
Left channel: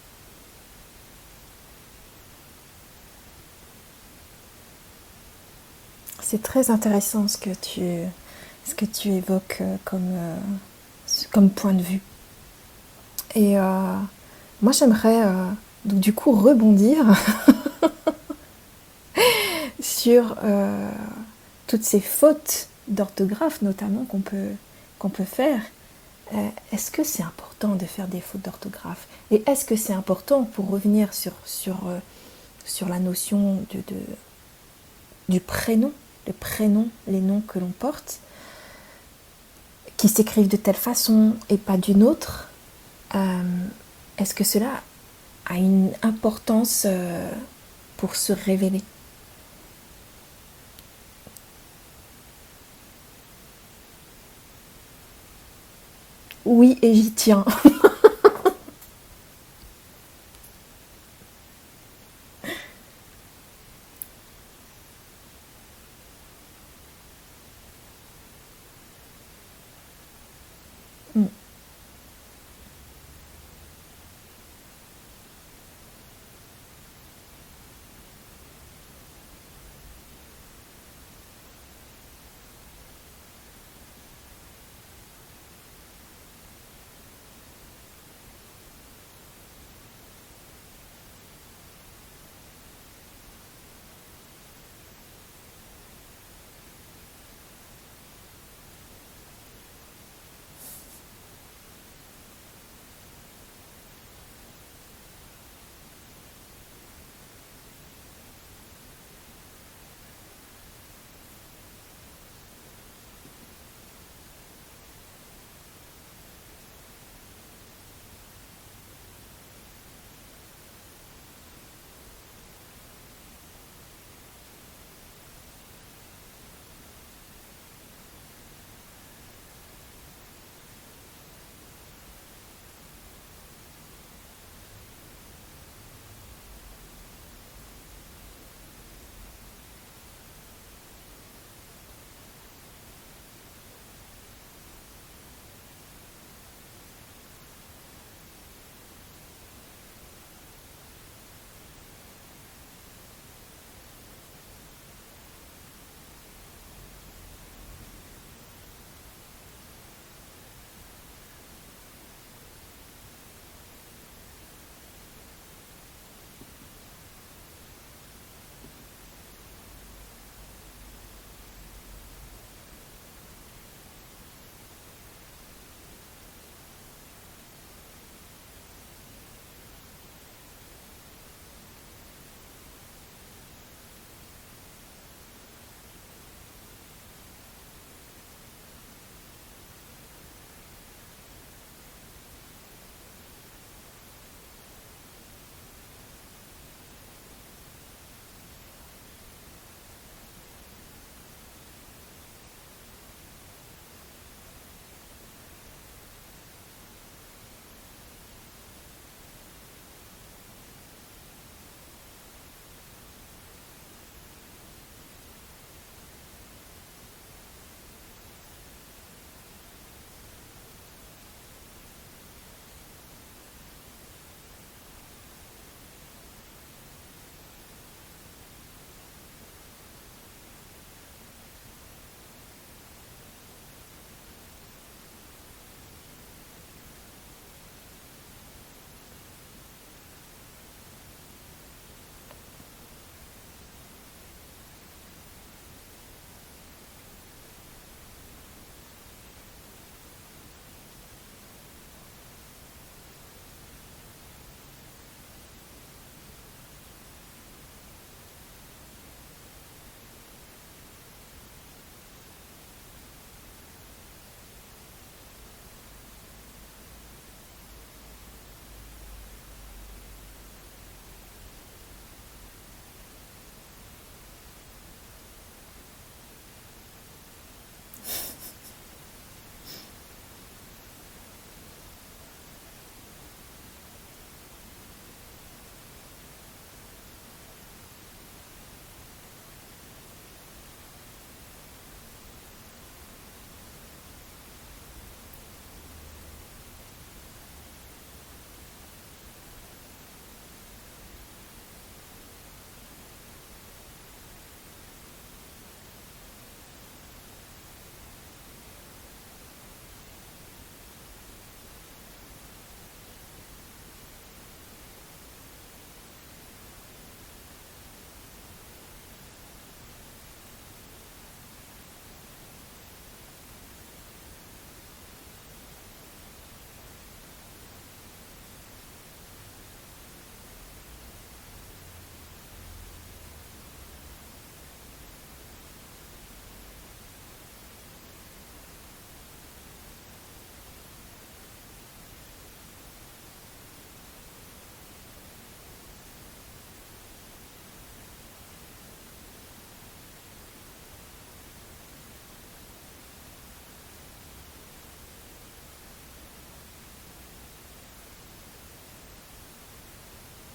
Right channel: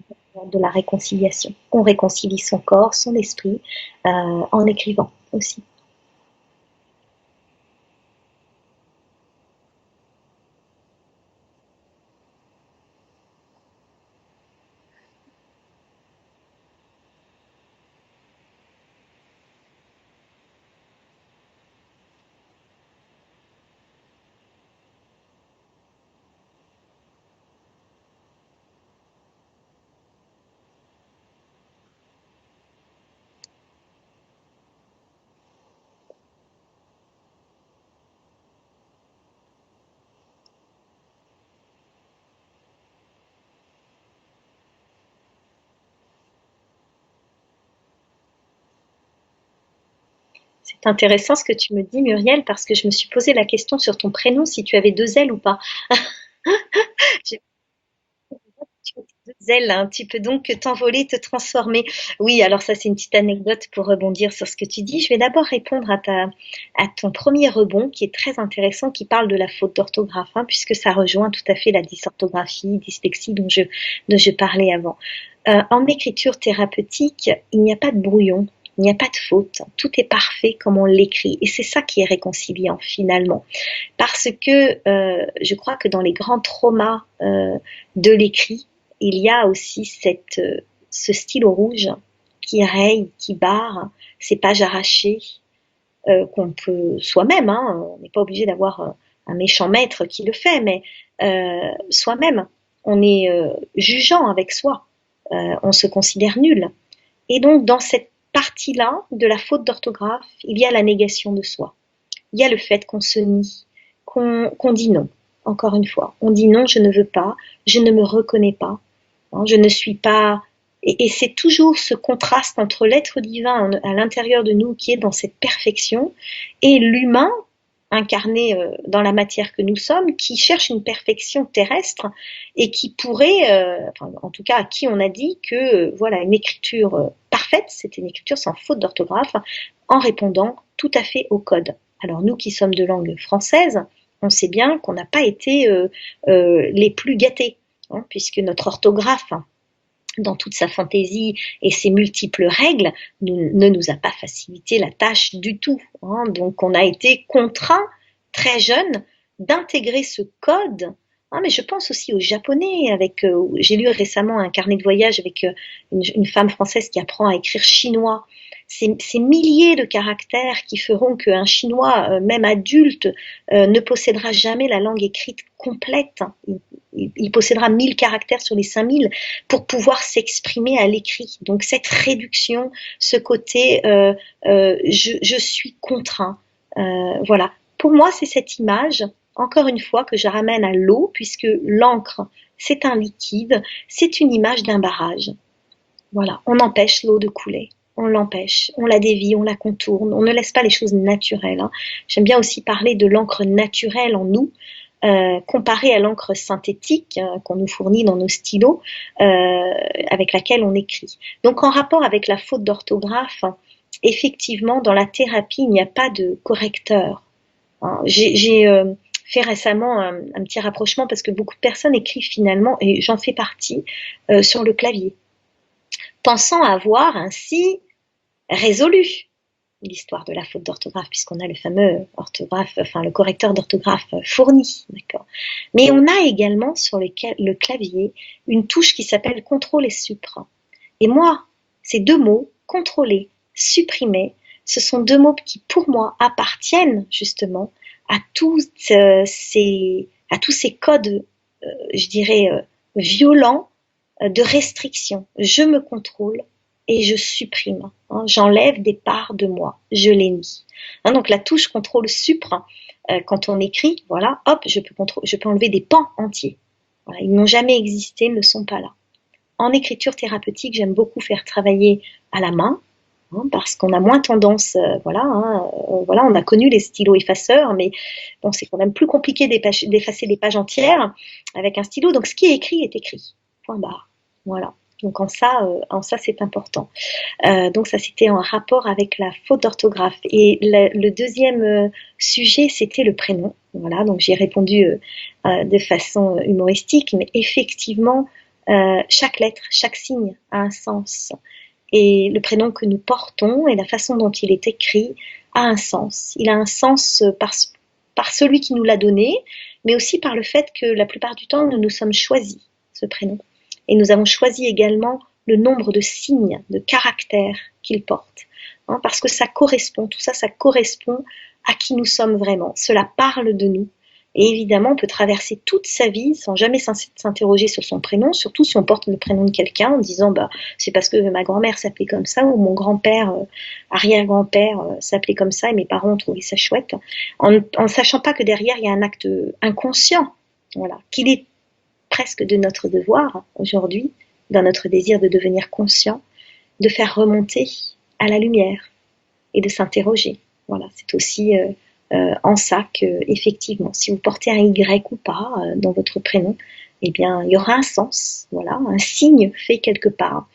de la réconciliation. On réconcilie son corps, son esprit, en écrivant aussi. C'est très intéressant ce que tu évoques comme point de vue. Et moi, j'aimerais donc du coup rebondir sur toutes ces fautes d'orthographe notamment qu'on peut faire, est-ce que c'est important de faire des fautes d'orthographe? Et est-ce que c'est important, pour revenir sur la notion du prénom, le prénom, les noms que l'on porte, qui s'écrivent de telle façon et pas d'une autre, est-ce que cela a une importance pour se révéler? C'est intéressant ce que tu me dis, Muriel, parce que je me suis posé la question sur ton prénom, si tu avais deux L ou pas. Oui, et j'y Je tiens. Tu as deux ailes, hein. Tu peux donc t'envoler, te transformer. Oui, alors ça, c'est une petite anecdote pour rebondir sur ce que tu dis. Je vais d'abord répondre à ton premier rebond, qui est très intéressant, qui parle de la faute d'orthographe, hein, puisque ça rejoint tout à fait la dysorthographie, dyslexie dont je parlais avant. En écriture thérapeutique, il n'y a pas de brouillon. Il n'y a pas de faute, tout est parfait comme on l'écrit et c'est ça qui est réconciliant finalement. Parce que je crois que dans les grands traumas de l'écrit, il y a aussi ce stylo rouge qui raye, qui barre, ces pages arrachées qu'on peut soi-même, hein, on n'est pas obligé d'avoir un méchant maître qui le fait, mais soi-même, on est jugeant avec soi, on se considère nul. Et donc dans cette partie-là de la faute d'orthographe, il y a la négation de soi, il y a le fait qu'on se nie, qu'on dit non. Encore une fois, on dit non, je ne veux pas, je ne me reconnais pas, hein, je ne suis pas. Et c'est toujours ce contraste entre l'être divin à l'intérieur de nous qui est dans cette perfection et l'humain incarné dans la matière que nous sommes, qui cherche une perfection terrestre et qui pourrait, enfin, en tout cas à qui on a dit que voilà une écriture parfaite, c'était une écriture sans faute d'orthographe, en répondant tout à fait au code. Alors nous qui sommes de langue française, on sait bien qu'on n'a pas été les plus gâtés, hein, puisque notre orthographe, dans toute sa fantaisie et ses multiples règles, ne nous a pas facilité la tâche du tout, hein. Donc on a été contraint, très jeune, d'intégrer ce code. Ah, mais je pense aussi aux Japonais. J'ai lu récemment un carnet de voyage avec une femme française qui apprend à écrire chinois. Ces milliers de caractères qui feront qu'un Chinois, même adulte, ne possédera jamais la langue écrite complète. Il possédera 1000 caractères sur les 5000 pour pouvoir s'exprimer à l'écrit. Donc cette réduction, ce côté je suis contraint, voilà. Pour moi, c'est cette image, encore une fois, que je ramène à l'eau, puisque l'encre, c'est un liquide, c'est une image d'un barrage. Voilà, on empêche l'eau de couler. On l'empêche, on la dévie, on la contourne, on ne laisse pas les choses naturelles, hein. J'aime bien aussi parler de l'encre naturelle en nous, comparée à l'encre synthétique qu'on nous fournit dans nos stylos, avec laquelle on écrit. Donc en rapport avec la faute d'orthographe, effectivement, dans la thérapie, il n'y a pas de correcteur, hein. J'ai fait récemment un petit rapprochement parce que beaucoup de personnes écrivent finalement, et j'en fais partie, sur le clavier, pensant avoir ainsi résolu l'histoire de la faute d'orthographe, puisqu'on a le fameux orthographe, enfin le correcteur d'orthographe fourni, d'accord. Mais on a également sur le clavier une touche qui s'appelle contrôle et supra. Et moi, ces deux mots, contrôler, supprimer, ce sont deux mots qui, pour moi, appartiennent justement à à tous ces codes, je dirais, violents de restriction. Je me contrôle et je supprime, hein, j'enlève des parts de moi, je les nie. Hein, donc la touche contrôle supra, quand on écrit, voilà, hop, je peux enlever des pans entiers. Voilà, ils n'ont jamais existé, ils ne sont pas là. En écriture thérapeutique, j'aime beaucoup faire travailler à la main, hein, parce qu'on a moins tendance, voilà, hein, voilà, on a connu les stylos effaceurs, mais bon, c'est quand même plus compliqué d'effacer des pages entières avec un stylo. Donc ce qui est écrit, point barre. Voilà. Donc en ça c'est important. Donc ça c'était en rapport avec la faute d'orthographe. Et le deuxième sujet c'était le prénom. Voilà, donc j'ai répondu de façon humoristique, mais effectivement chaque lettre, chaque signe a un sens. Et le prénom que nous portons et la façon dont il est écrit a un sens. Il a un sens par celui qui nous l'a donné, mais aussi par le fait que la plupart du temps nous nous sommes choisis ce prénom. Et nous avons choisi également le nombre de signes, de caractères qu'il porte, hein, parce que ça correspond, tout ça, ça correspond à qui nous sommes vraiment. Cela parle de nous. Et évidemment, on peut traverser toute sa vie sans jamais s'interroger sur son prénom, surtout si on porte le prénom de quelqu'un en disant bah, c'est parce que ma grand-mère s'appelait comme ça ou mon grand-père, arrière-grand-père s'appelait comme ça et mes parents ont trouvé ça chouette, en ne sachant pas que derrière il y a un acte inconscient, voilà, qu'il est presque de notre devoir aujourd'hui, dans notre désir de devenir conscient, de faire remonter à la lumière et de s'interroger. Voilà, c'est aussi en ça que, effectivement, si vous portez un Y ou pas dans votre prénom, eh bien, il y aura un sens, voilà, un signe fait quelque part.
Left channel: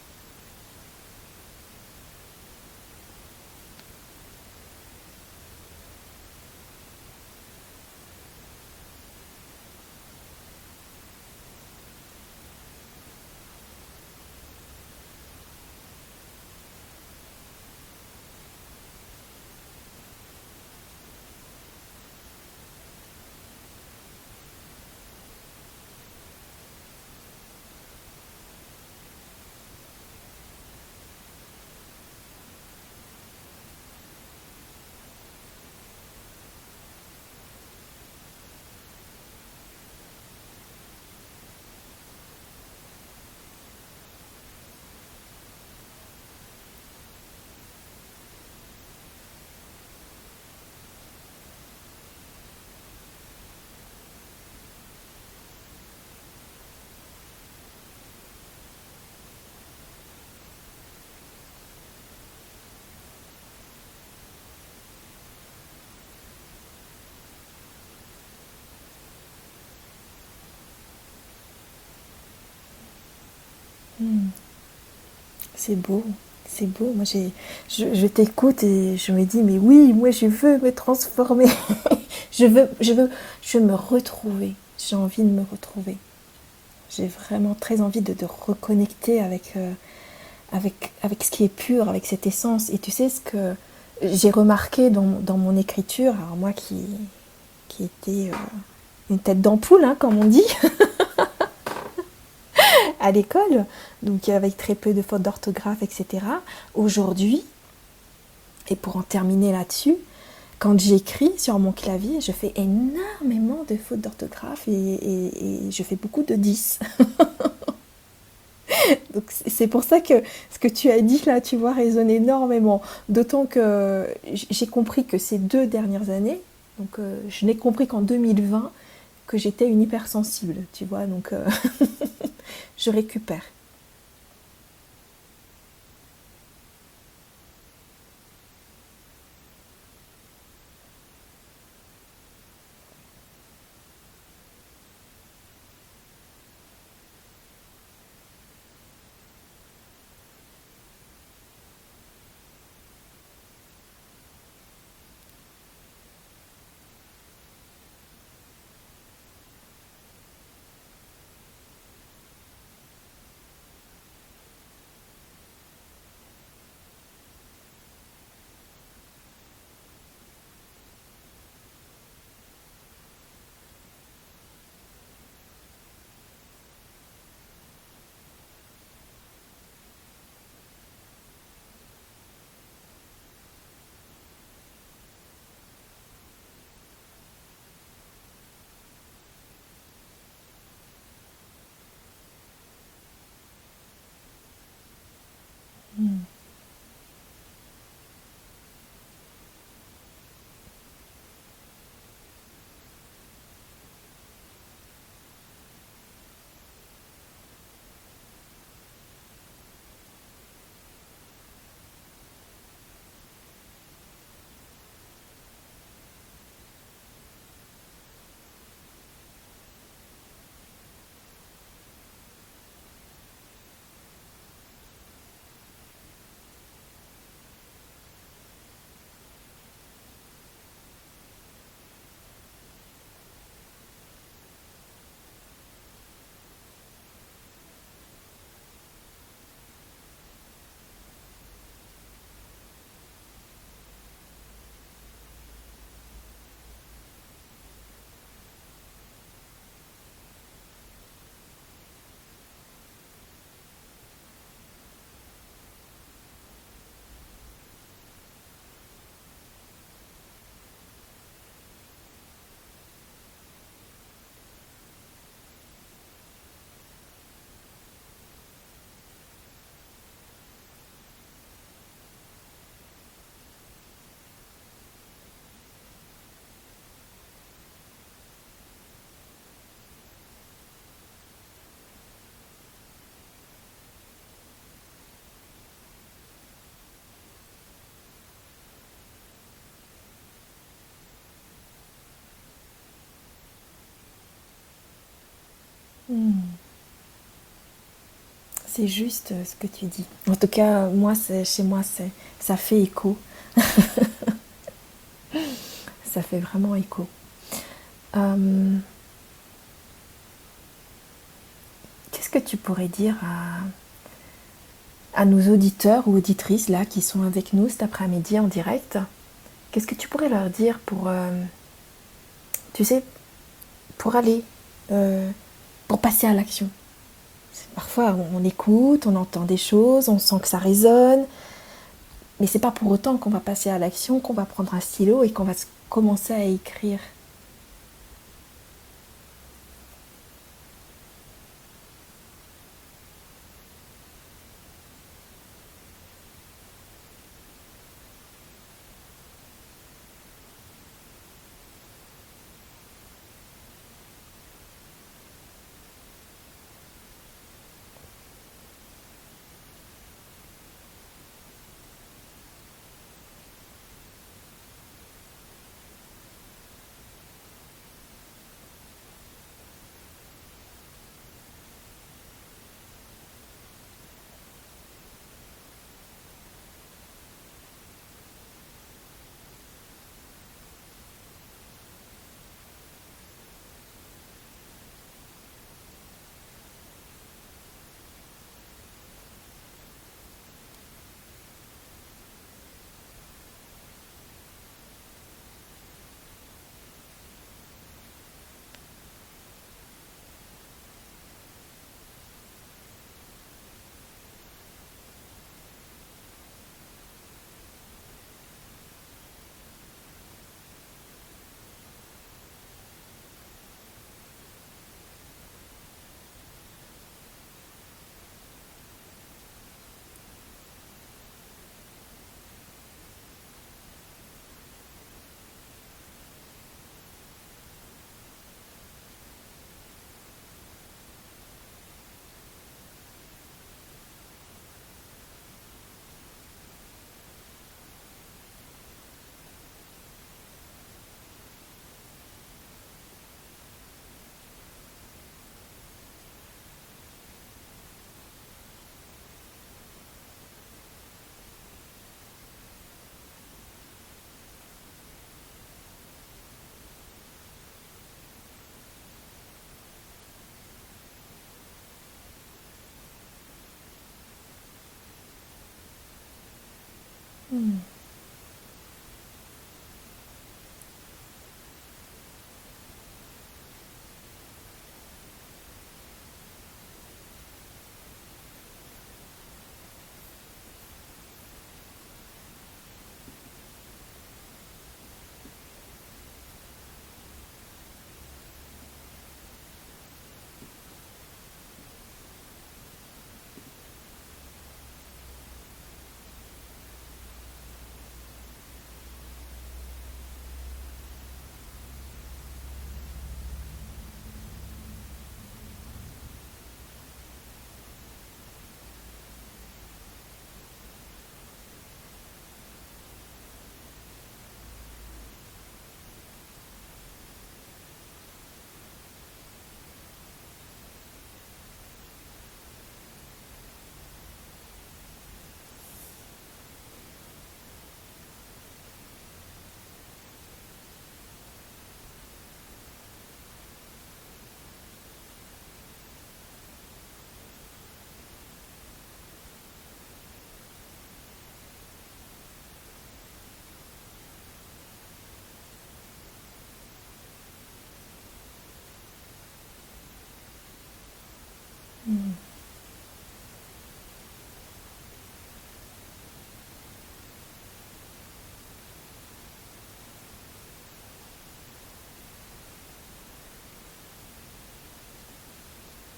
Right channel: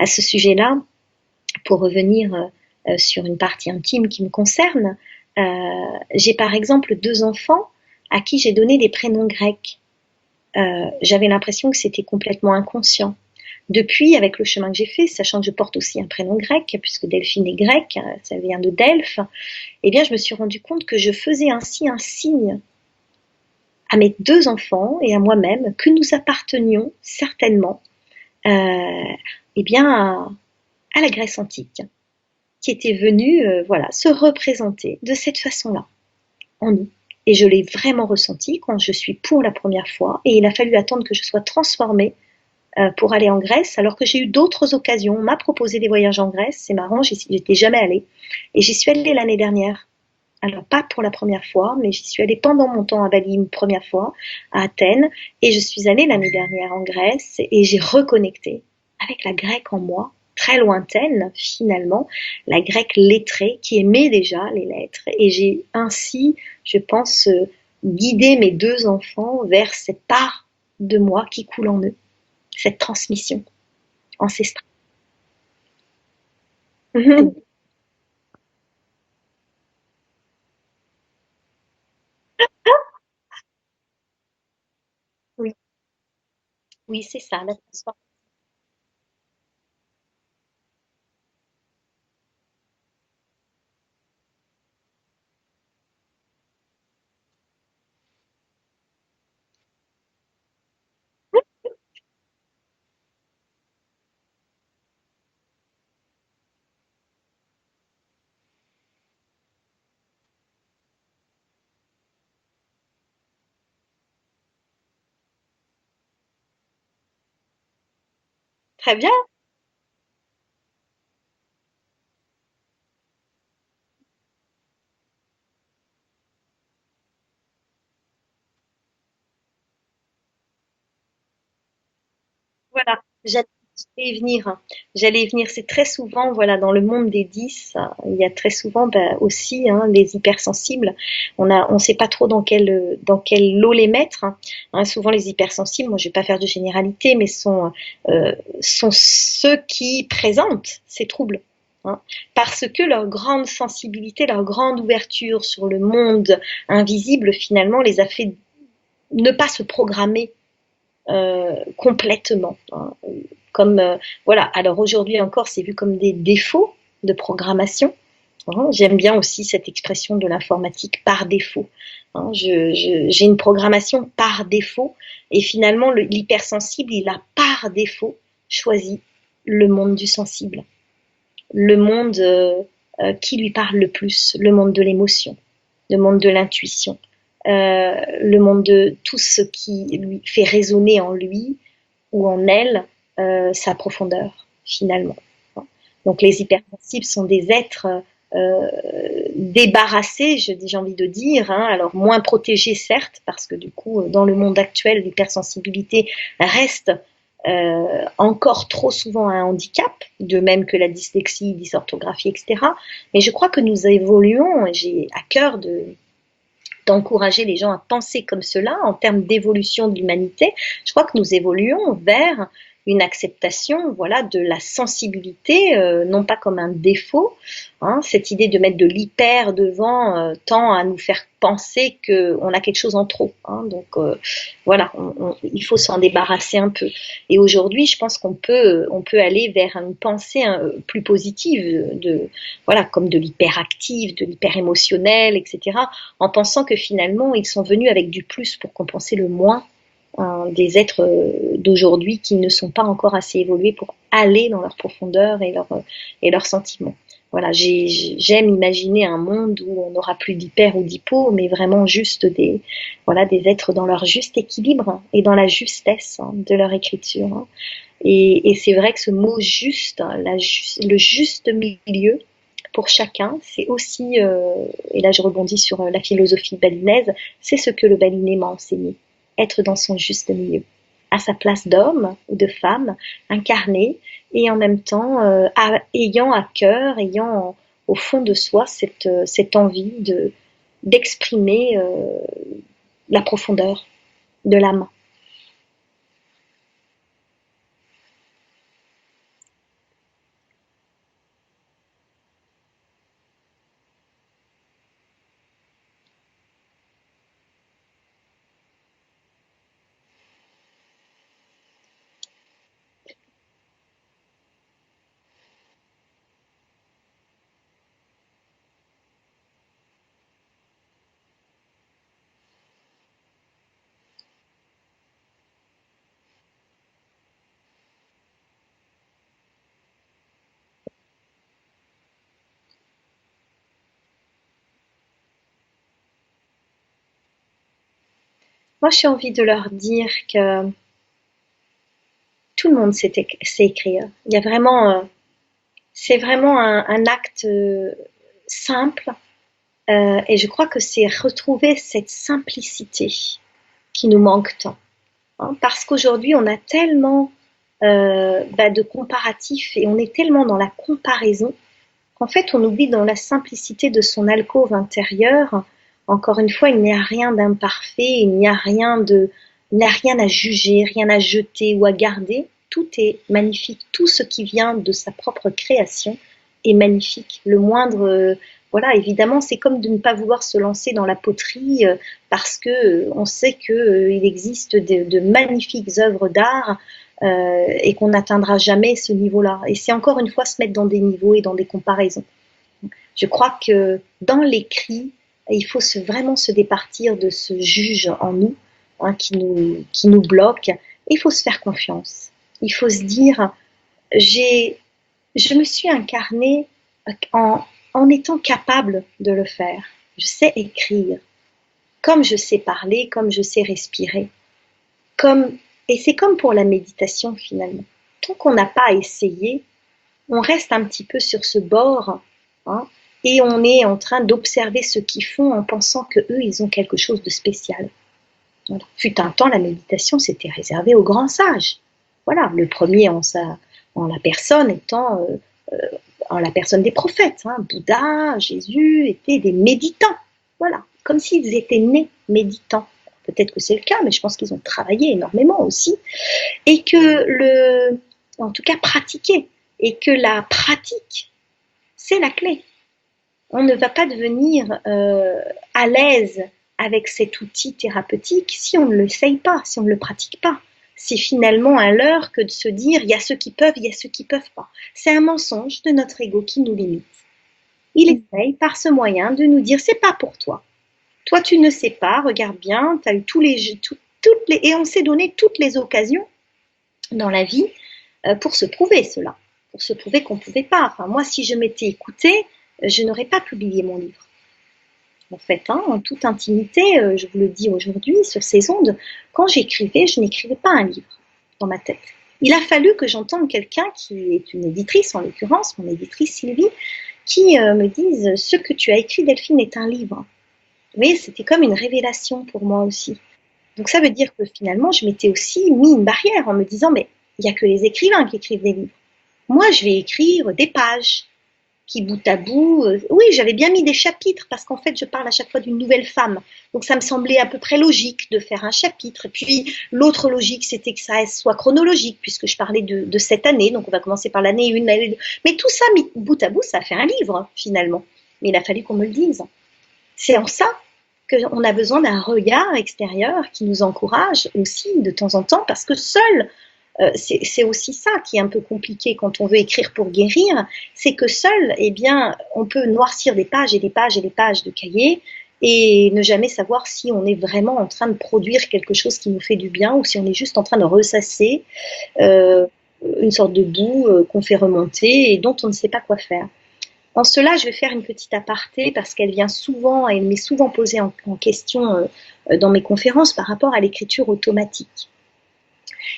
À ce sujet-là, pour revenir sur une partie intime qui me concerne, j'ai par exemple 2 enfants à qui j'ai donné des prénoms grecs. J'avais l'impression que c'était complètement inconscient. Depuis, avec le chemin que j'ai fait, sachant que je porte aussi un prénom grec, puisque Delphine est grecque, ça vient de Delphes, eh bien, je me suis rendu compte que je faisais ainsi un signe à mes 2 enfants et à moi-même que nous appartenions certainement eh bien, à la Grèce antique, qui était venue voilà, se représenter de cette façon-là en nous. Et je l'ai vraiment ressenti quand je suis pour la première fois, et il a fallu attendre que je sois transformée pour aller en Grèce, alors que j'ai eu d'autres occasions. On m'a proposé des voyages en Grèce, c'est marrant, j'étais jamais allée. Et j'y suis allée l'année dernière. Alors, pas pour la première fois, mais j'y suis allée pendant mon temps à Bali une première fois, à Athènes, et je suis allée l'année dernière en Grèce, et j'ai reconnecté avec la grecque en moi, très lointaine finalement, la grecque lettrée qui aimait déjà les lettres, et j'ai ainsi, je pense, guidé mes 2 enfants vers cette part de moi qui coule en eux, cette transmission ancestrale. C'est beau, c'est beau. Moi, je t'écoute et je me dis, mais oui, moi, je veux me transformer. Je veux me retrouver. J'ai envie de me Oui, retrouver. oui, J'ai c'est ça. La vraiment très envie de reconnecter avec ce qui est pur, avec cette essence. Et tu sais ce que j'ai remarqué dans mon écriture, alors moi qui était une tête d'ampoule, hein, comme on dit, à l'école, donc avec très peu de fautes d'orthographe, etc. Aujourd'hui, et pour en terminer là-dessus, quand j'écris sur mon clavier, je fais énormément de fautes d'orthographe et je fais beaucoup de 10. Très bien. Donc c'est pour ça que ce que tu as dit là, tu vois, résonne énormément. D'autant que j'ai compris que ces 2 dernières années, donc je n'ai compris qu'en 2020 que j'étais une hypersensible, tu vois, donc je Voilà, récupère. j'allais y venir. J'allais y venir. C'est très souvent, voilà, dans le monde des 10, il y a très souvent bah, aussi les hypersensibles. On sait pas trop dans quel lot les mettre. Souvent, les hypersensibles, moi, je vais pas faire de généralité, mais sont ceux qui présentent ces troubles. hein, Parce que leur grande sensibilité, leur grande ouverture sur le monde invisible, finalement, les a fait ne pas se programmer complètement. Comme voilà. Alors aujourd'hui encore, c'est vu comme des défauts de programmation. J'aime bien aussi cette expression de l'informatique par défaut. J'ai une programmation par défaut et finalement l'hypersensible, il a par défaut choisi le monde du sensible, le monde qui lui parle le plus, le monde de l'émotion, le monde de l'intuition, le monde de tout ce qui lui fait résonner en lui ou en elle sa profondeur, finalement. Donc les hypersensibles sont des êtres euh, débarrassés, j'ai envie de dire, alors moins protégés certes, parce que du coup, dans le monde actuel, l'hypersensibilité reste encore trop souvent un handicap, de même que la dyslexie, dysorthographie, etc. Mais je crois que nous évoluons, et j'ai à cœur d'encourager les gens à penser comme cela en termes d'évolution de l'humanité. Je crois que nous évoluons vers une acceptation, voilà, de la sensibilité, non pas comme un défaut. Cette idée de mettre de l'hyper devant tend à nous faire penser qu'on a quelque chose en trop. Donc voilà, il faut s'en débarrasser un peu. Et aujourd'hui, je pense qu'on peut aller vers une pensée plus positive, voilà, comme de l'hyperactif, de l'hyper émotionnel, etc. En pensant que finalement, ils sont venus avec du plus pour compenser le moins des êtres d'aujourd'hui qui ne sont pas encore assez évolués pour aller dans leur profondeur et leurs sentiments. Voilà, j'aime imaginer un monde où on n'aura plus d'hyper ou d'hypo, mais vraiment juste voilà, des êtres dans leur juste équilibre et dans la justesse de leur écriture, hein. Et c'est vrai que ce mot juste, hein, le juste milieu pour chacun, c'est aussi, et là je rebondis sur la philosophie balinaise, c'est ce que le baliné m'a enseigné, être dans son juste milieu, à sa place d'homme ou de femme, incarné, et en même temps ayant à cœur, ayant au fond de soi cette envie d'exprimer la profondeur de l'âme. Hmm. C'est juste ce que tu dis. En tout cas, moi, chez moi, ça fait écho. Ça fait vraiment écho. Euh, Qu'est-ce que tu pourrais dire à nos auditeurs ou auditrices là qui sont avec nous cet après-midi en direct? Qu'est-ce que tu pourrais leur dire pour, tu sais, pour aller, euh, pour passer à l'action? Parfois, on écoute, on entend des choses, on sent que ça résonne, mais c'est pas pour autant qu'on va passer à l'action, qu'on va prendre un stylo et qu'on va commencer à écrire. Moi, j'ai envie de leur dire que tout le monde sait écrire. Il y a vraiment, c'est vraiment un acte simple, et je crois que c'est retrouver cette simplicité qui nous manque tant, hein, parce qu'aujourd'hui, on a tellement de comparatifs et on est tellement dans la comparaison qu'en fait, on oublie dans la simplicité de son alcôve intérieure. Encore une fois, il n'y a rien d'imparfait, il n'y a rien à juger, rien à jeter ou à garder. Tout est magnifique. Tout ce qui vient de sa propre création est magnifique. Le moindre, voilà, évidemment, c'est comme de ne pas vouloir se lancer dans la poterie parce que on sait que il existe de magnifiques œuvres d'art et qu'on n'atteindra jamais ce niveau-là. Et c'est encore une fois se mettre dans des niveaux et dans des comparaisons. Je crois que dans l'écrit, il faut vraiment se départir de ce juge en nous, hein, qui nous bloque. Et il faut se faire confiance. Il faut se dire, j'ai, je me suis incarnée en, en étant capable de le faire. Je sais écrire, comme je sais parler, comme je sais respirer. Comme, et c'est comme pour la méditation finalement. Tant qu'on n'a pas essayé, on reste un petit peu sur ce bord, hein, et on est en train d'observer ce qu'ils font en pensant que eux ils ont quelque chose de spécial. Donc, fut un temps, la méditation, c'était réservé aux grands sages. Voilà, le premier en la personne étant en la personne des prophètes, hein. Bouddha, Jésus étaient des méditants. Voilà, comme s'ils étaient nés méditants. Peut-être que c'est le cas, mais je pense qu'ils ont travaillé énormément aussi. Et que en tout cas, pratiquer. Et que la pratique, c'est la clé. On ne va pas devenir à l'aise avec cet outil thérapeutique si on ne l'essaye pas, si on ne le pratique pas. C'est finalement un leurre que de se dire il y a ceux qui peuvent, il y a ceux qui ne peuvent pas. C'est un mensonge de notre ego qui nous limite. Hmm. Il essaye par ce moyen de nous dire c'est pas pour toi. Toi tu ne sais pas, regarde bien, tu as eu et on s'est donné toutes les occasions dans la vie pour se prouver cela, pour se prouver qu'on ne pouvait pas. Enfin, moi, si je m'étais écoutée, je n'aurais pas publié mon livre. En fait, hein, en toute intimité, je vous le dis aujourd'hui sur ces ondes, quand j'écrivais, je n'écrivais pas un livre dans ma tête. Il a fallu que j'entende quelqu'un qui est une éditrice, en l'occurrence, mon éditrice Sylvie, qui me dise ce que tu as écrit, Delphine, est un livre. Vous voyez, c'était comme une révélation pour moi aussi. Donc ça veut dire que finalement, je m'étais aussi mis une barrière en me disant, mais il n'y a que les écrivains qui écrivent des livres. Moi, je vais écrire des pages qui, bout à bout, oui, j'avais bien mis des chapitres parce qu'en fait, je parle à chaque fois d'une nouvelle femme. Donc ça me semblait à peu près logique de faire un chapitre. Et puis l'autre logique, c'était que ça soit chronologique puisque je parlais de cette année. Donc on va commencer par l'année 1, l'année 2. Mais tout ça, mis bout à bout, ça fait un livre finalement. Mais il a fallu qu'on me le dise. C'est en ça qu'on a besoin d'un regard extérieur qui nous encourage aussi de temps en temps parce que seul, c'est aussi ça qui est un peu compliqué quand on veut écrire pour guérir, c'est que seul, eh bien, on peut noircir des pages et des pages et des pages de cahiers et ne jamais savoir si on est vraiment en train de produire quelque chose qui nous fait du bien ou si on est juste en train de ressasser euh, une sorte de boue qu'on fait remonter et dont on ne sait pas quoi faire. En cela, je vais faire une petite aparté parce qu'elle vient souvent, elle m'est souvent posée en question dans mes conférences par rapport à l'écriture automatique.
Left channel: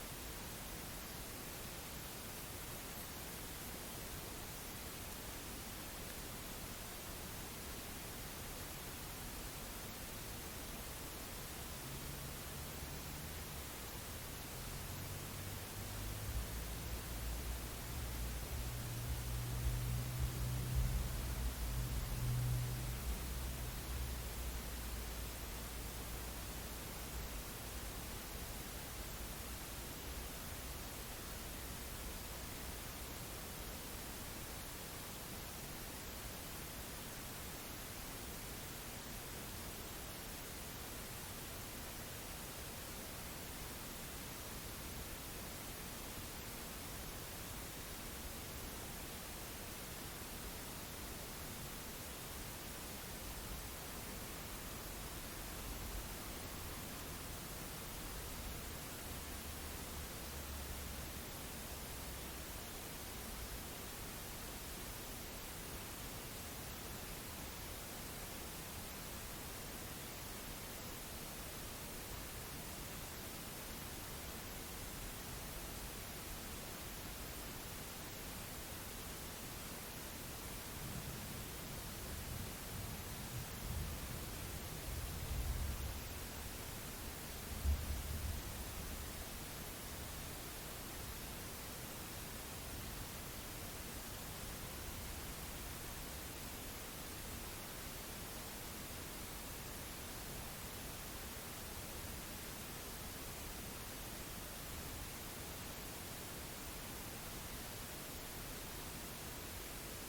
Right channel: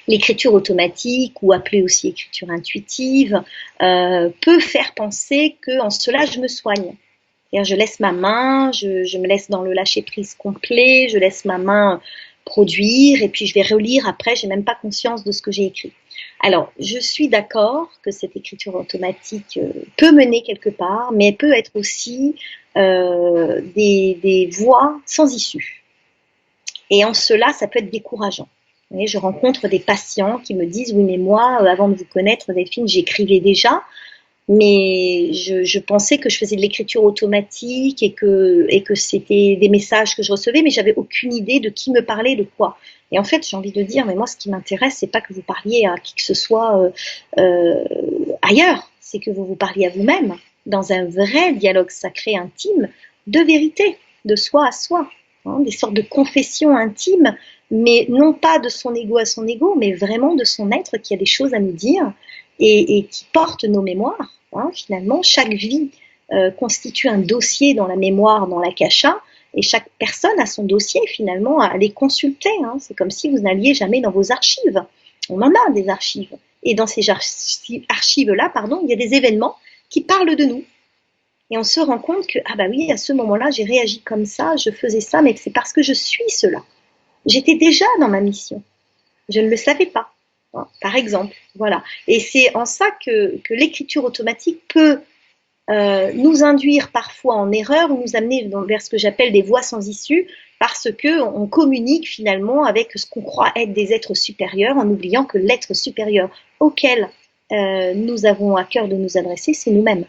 L'écriture automatique, ou appelée aussi écriture intuitive, peut faire penser qu'en cela, je me soigne. Je laisse ma main, je me laisse dans le lâcher-prise complet, je laisse ma main produire, et puis je vais relire après, j'ai même pas conscience de ce que j'ai écrit. Alors, je suis d'accord que cette écriture automatique peut mener quelque part, mais elle peut être aussi des voies sans issue. Et en cela, ça peut être décourageant. Vous voyez, je rencontre des patients qui me disent, oui, mais moi, avant de vous connaître, Delphine, j'écrivais déjà, mais je pensais que je faisais de l'écriture automatique et que c'était des messages que je recevais, mais j'avais aucune idée de qui me parlait, de quoi. Et en fait, j'ai envie de dire, mais moi, ce qui m'intéresse, c'est pas que vous parliez à qui que ce soit ailleurs, c'est que vous vous parliez à vous-même, dans un vrai dialogue sacré intime, de vérité, de soi à soi, hein, des sortes de confessions intimes, mais non pas de son ego à son ego, mais vraiment de son être qui a des choses à nous dire et qui porte nos mémoires. Hein, finalement, chaque vie constitue un dossier dans la mémoire, dans l'akasha, et chaque personne a son dossier finalement à aller consulter. Hein. C'est comme si vous n'alliez jamais dans vos archives. On en a des archives. Et dans ces archives-là, pardon, il y a des événements qui parlent de nous. Et on se rend compte que, ah bah oui, à ce moment-là, j'ai réagi comme ça, je faisais ça, mais c'est parce que je suis cela. J'étais déjà dans ma mission. Je ne le savais pas, hein, par exemple. Voilà. Et c'est en ça que l'écriture automatique peut nous induire parfois en erreur ou nous amener vers ce que j'appelle des voies sans issue parce qu'on communique finalement avec ce qu'on croit être des êtres supérieurs en oubliant que l'être supérieur auquel nous avons à cœur de nous adresser, c'est nous-mêmes,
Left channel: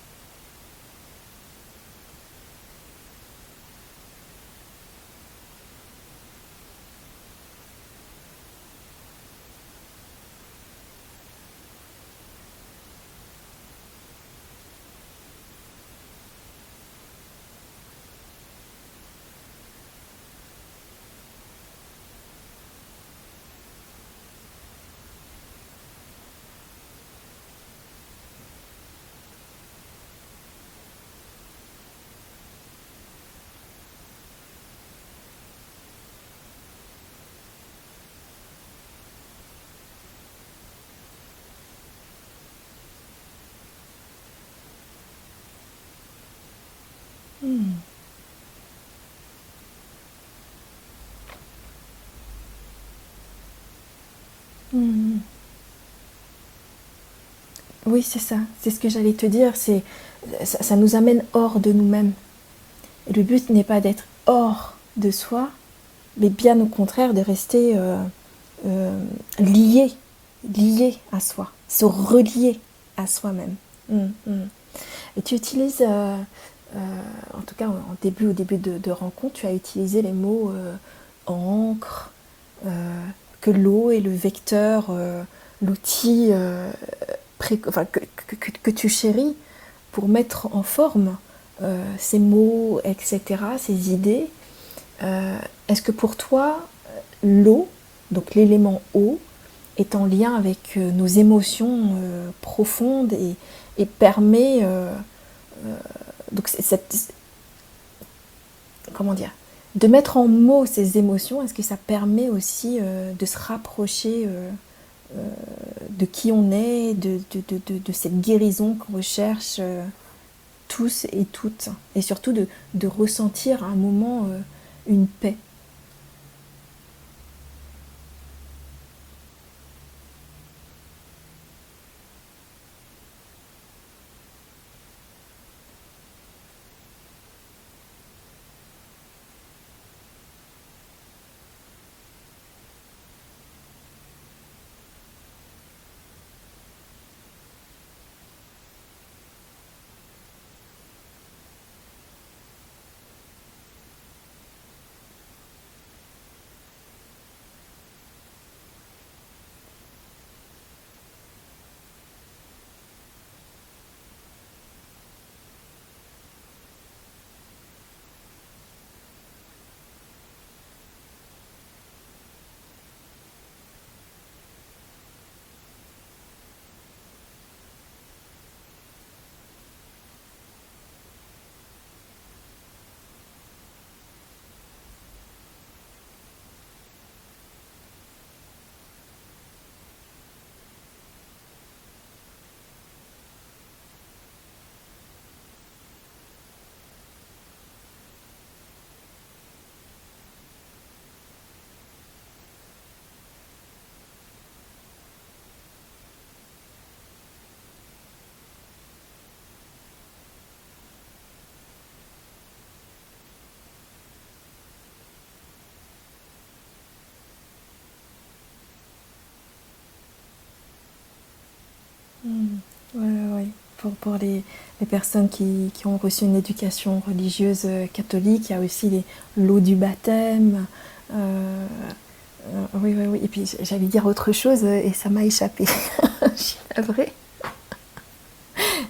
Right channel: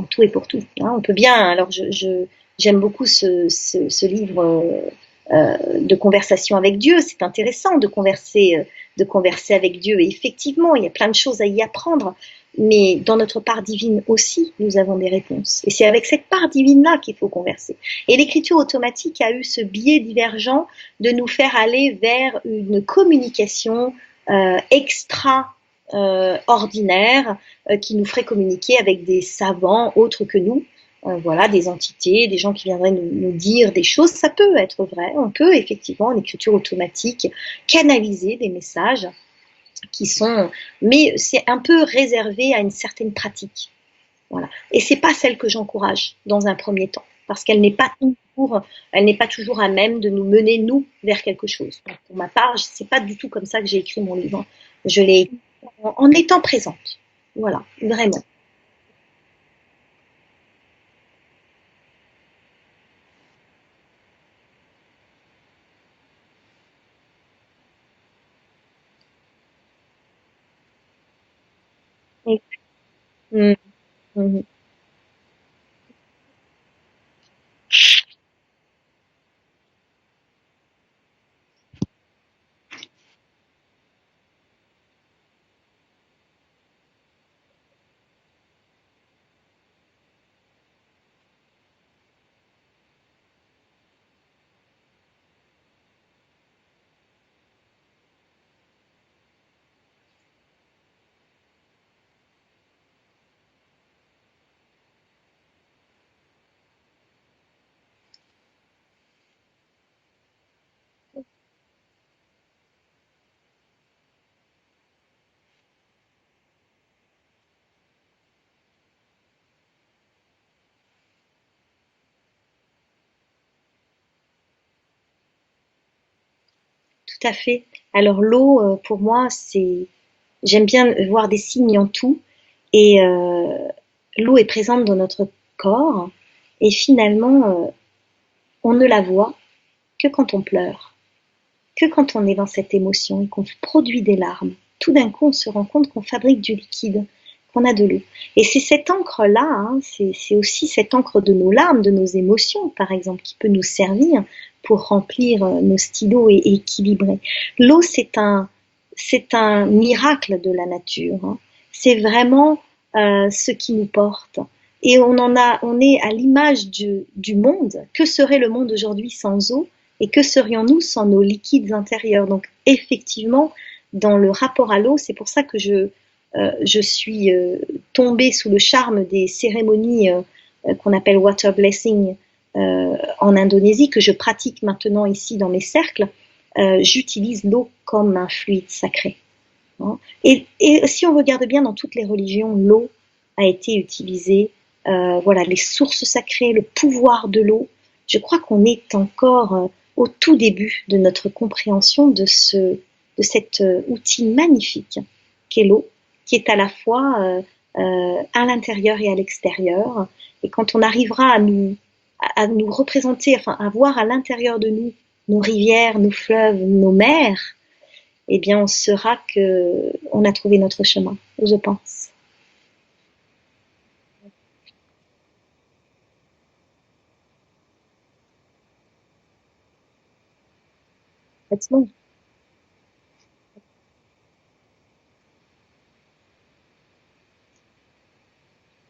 en tout et pour tout. Hein. On peut bien, alors j'aime beaucoup ce livre de conversation avec Dieu, c'est intéressant de converser avec Dieu et effectivement, il y a plein de choses à y apprendre. Mais dans notre part divine aussi, nous avons des réponses. Et c'est avec cette part divine-là qu'il faut converser. Et l'écriture automatique a eu ce biais divergent de nous faire aller vers une communication extraordinaire qui nous ferait communiquer avec des savants autres que nous. Voilà, des entités, des gens qui viendraient nous dire des choses. Ça peut être vrai. On peut effectivement, en écriture automatique, canaliser des messages qui sont, mais c'est un peu réservé à une certaine pratique. Voilà. Et c'est pas celle que j'encourage dans un premier temps, parce qu'elle n'est pas toujours, elle n'est pas toujours à même de nous mener nous vers quelque chose. Donc, pour ma part, c'est pas du tout comme ça que j'ai écrit mon livre. Je l'ai écrit en étant présente. Voilà, Oui, vraiment. c'est ça. C'est ce que j'allais te dire. Ça nous amène hors de nous-mêmes. Et le but n'est pas d'être hors de soi, mais bien au contraire de rester lié, lié à soi, se relier à soi-même. Mm, Mm, mm. mm, Et tu utilises, en tout cas au début de rencontre, tu as utilisé les mots encre, euh, que l'eau est le vecteur, l'outil enfin, que tu chéris pour mettre en forme ces mots, etc., ces idées. Est-ce que pour toi, l'eau, donc l'élément eau, est en lien avec nos émotions profondes et permet donc comment dire, de mettre en mots ces émotions. Est-ce que ça permet aussi de se rapprocher de qui on est, de cette guérison qu'on recherche tous et toutes, et surtout de ressentir à un moment une paix. tout à fait. Alors l'eau, pour moi, j'aime bien voir des signes en tout. Et l'eau est présente dans notre corps. Et finalement, on ne la voit que quand on pleure, que quand on est dans cette émotion et qu'on produit des larmes. Tout d'un coup, on se rend compte qu'on fabrique du liquide, qu'on a de l'eau. Et c'est cette encre-là, hein, c'est aussi cette encre de nos larmes, de nos émotions, par exemple, qui peut nous servir pour remplir nos stylos et équilibrer. L'eau, c'est un miracle de la nature. Hein. C'est vraiment ce qui nous porte. Et on est à l'image du monde. Que serait le monde aujourd'hui sans eau? Et que serions-nous sans nos liquides intérieurs? Donc, effectivement, dans le rapport à l'eau, c'est pour ça que je suis tombée sous le charme des cérémonies qu'on appelle water blessing en Indonésie, que je pratique maintenant ici dans mes cercles. J'utilise l'eau comme un fluide sacré, hein. Et si on regarde bien dans toutes les religions, l'eau a été utilisée. Voilà, les sources sacrées, le pouvoir de l'eau. Je crois qu'on est encore au tout début de notre compréhension de cet outil magnifique qu'est l'eau, qui est à la fois à l'intérieur et à l'extérieur. Et quand on arrivera à nous représenter, enfin, à voir à l'intérieur de nous nos rivières, nos fleuves, nos mers, eh bien, on saura que on a trouvé notre chemin, je pense. Mm. Ouais, ouais, ouais. Pour les personnes qui ont reçu une éducation religieuse catholique, il y a aussi l'eau du baptême. Euh, oui, oui, oui. Et puis j'allais dire autre chose et ça m'a échappé. Je suis navrée.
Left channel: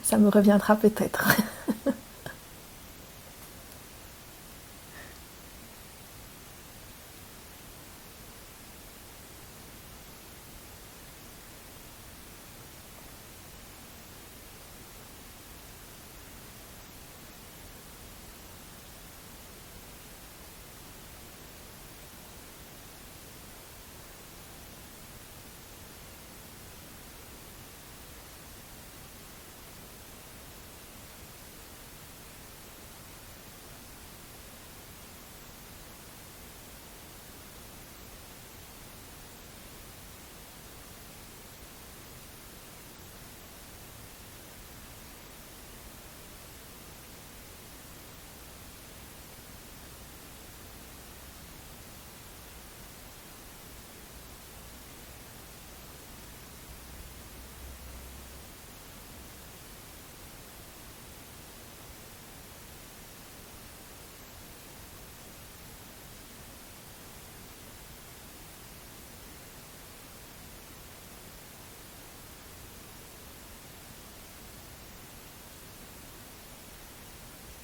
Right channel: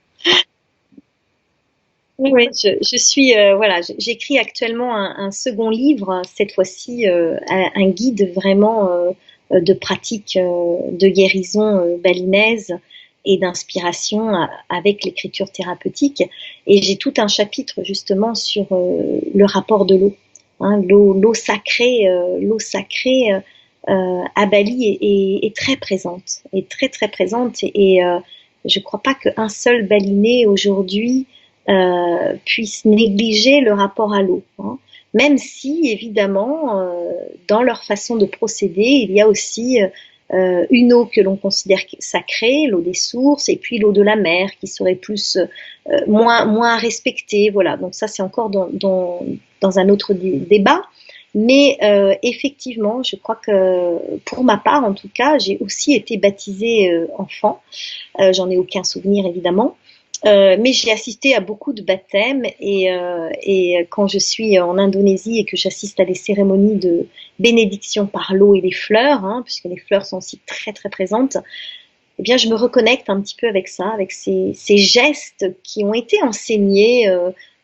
Ça me reviendra peut-être. Oui, oui, je suis voilà, j'écris actuellement un second livre, cette fois-ci un guide vraiment de pratique de guérison balinaise et d'inspiration avec l'écriture thérapeutique. Et j'ai tout un chapitre justement sur le rapport de l'eau, hein, l'eau sacrée à Bali est très présente, est très très présente. Et je ne crois pas qu'un seul balinais aujourd'hui puissent négliger le rapport à l'eau, hein. Même si, évidemment, dans leur façon de procéder, il y a aussi une eau que l'on considère sacrée, l'eau des sources, et puis l'eau de la mer, qui serait plus moins respectée. Voilà, donc ça, c'est encore dans un autre débat. Mais effectivement, je crois que pour ma part, en tout cas, j'ai aussi été baptisée enfant. J'en ai aucun souvenir, évidemment. Mais j'ai assisté à beaucoup de baptêmes et quand je suis en Indonésie et que j'assiste à des cérémonies de bénédiction par l'eau et les fleurs, hein, puisque les fleurs sont aussi très très présentes, eh bien je me reconnecte un petit peu avec ça, avec ces gestes qui ont été enseignés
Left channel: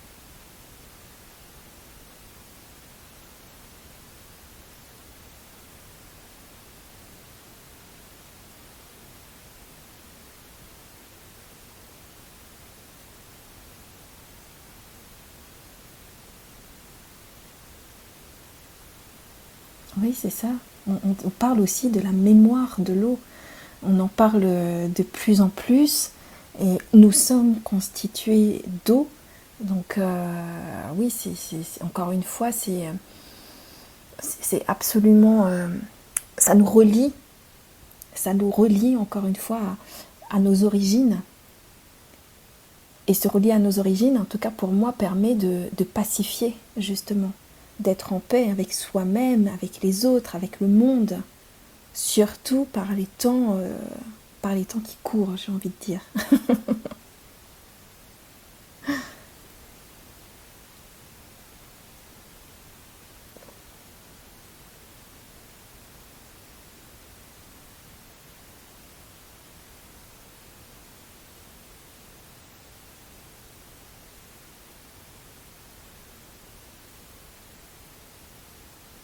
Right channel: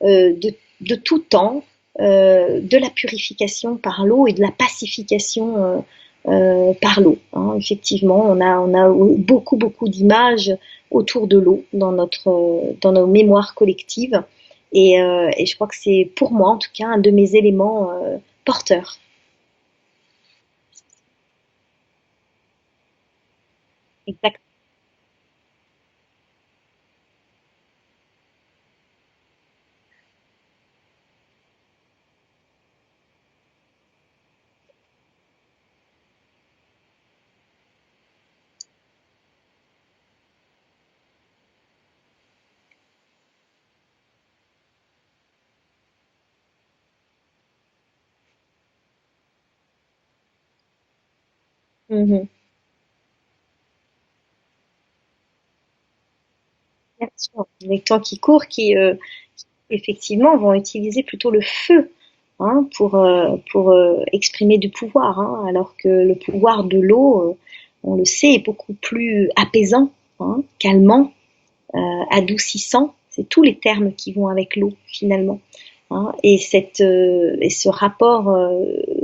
de tout temps, de la purification par l'eau et de la pacification par l'eau, hein. Effectivement, on a beaucoup, beaucoup d'images autour de l'eau dans nos mémoires collectives. Et je crois que c'est pour moi, en tout cas, un de mes éléments porteurs. Oui, c'est ça. On parle aussi de la mémoire de l'eau. On en parle Exactement. de plus en plus. Et nous sommes constitués d'eau. Donc, oui, encore une fois, c'est absolument. Ça nous relie. Ça nous relie, encore une fois, à nos origines. Et se relier à nos origines, en tout cas pour moi, permet de pacifier, justement. D'être en paix avec soi-même, avec les autres, avec le monde. Mhm. Surtout par les temps qui courent, j'ai envie de dire. Bien sûr. Les temps qui courent, qui, effectivement vont utiliser plutôt le feu, hein, pour exprimer du pouvoir, hein, alors que le pouvoir de l'eau, on le sait, est beaucoup plus apaisant, hein, calmant, adoucissant. C'est tous les termes qui vont avec l'eau finalement, hein. Et ce rapport,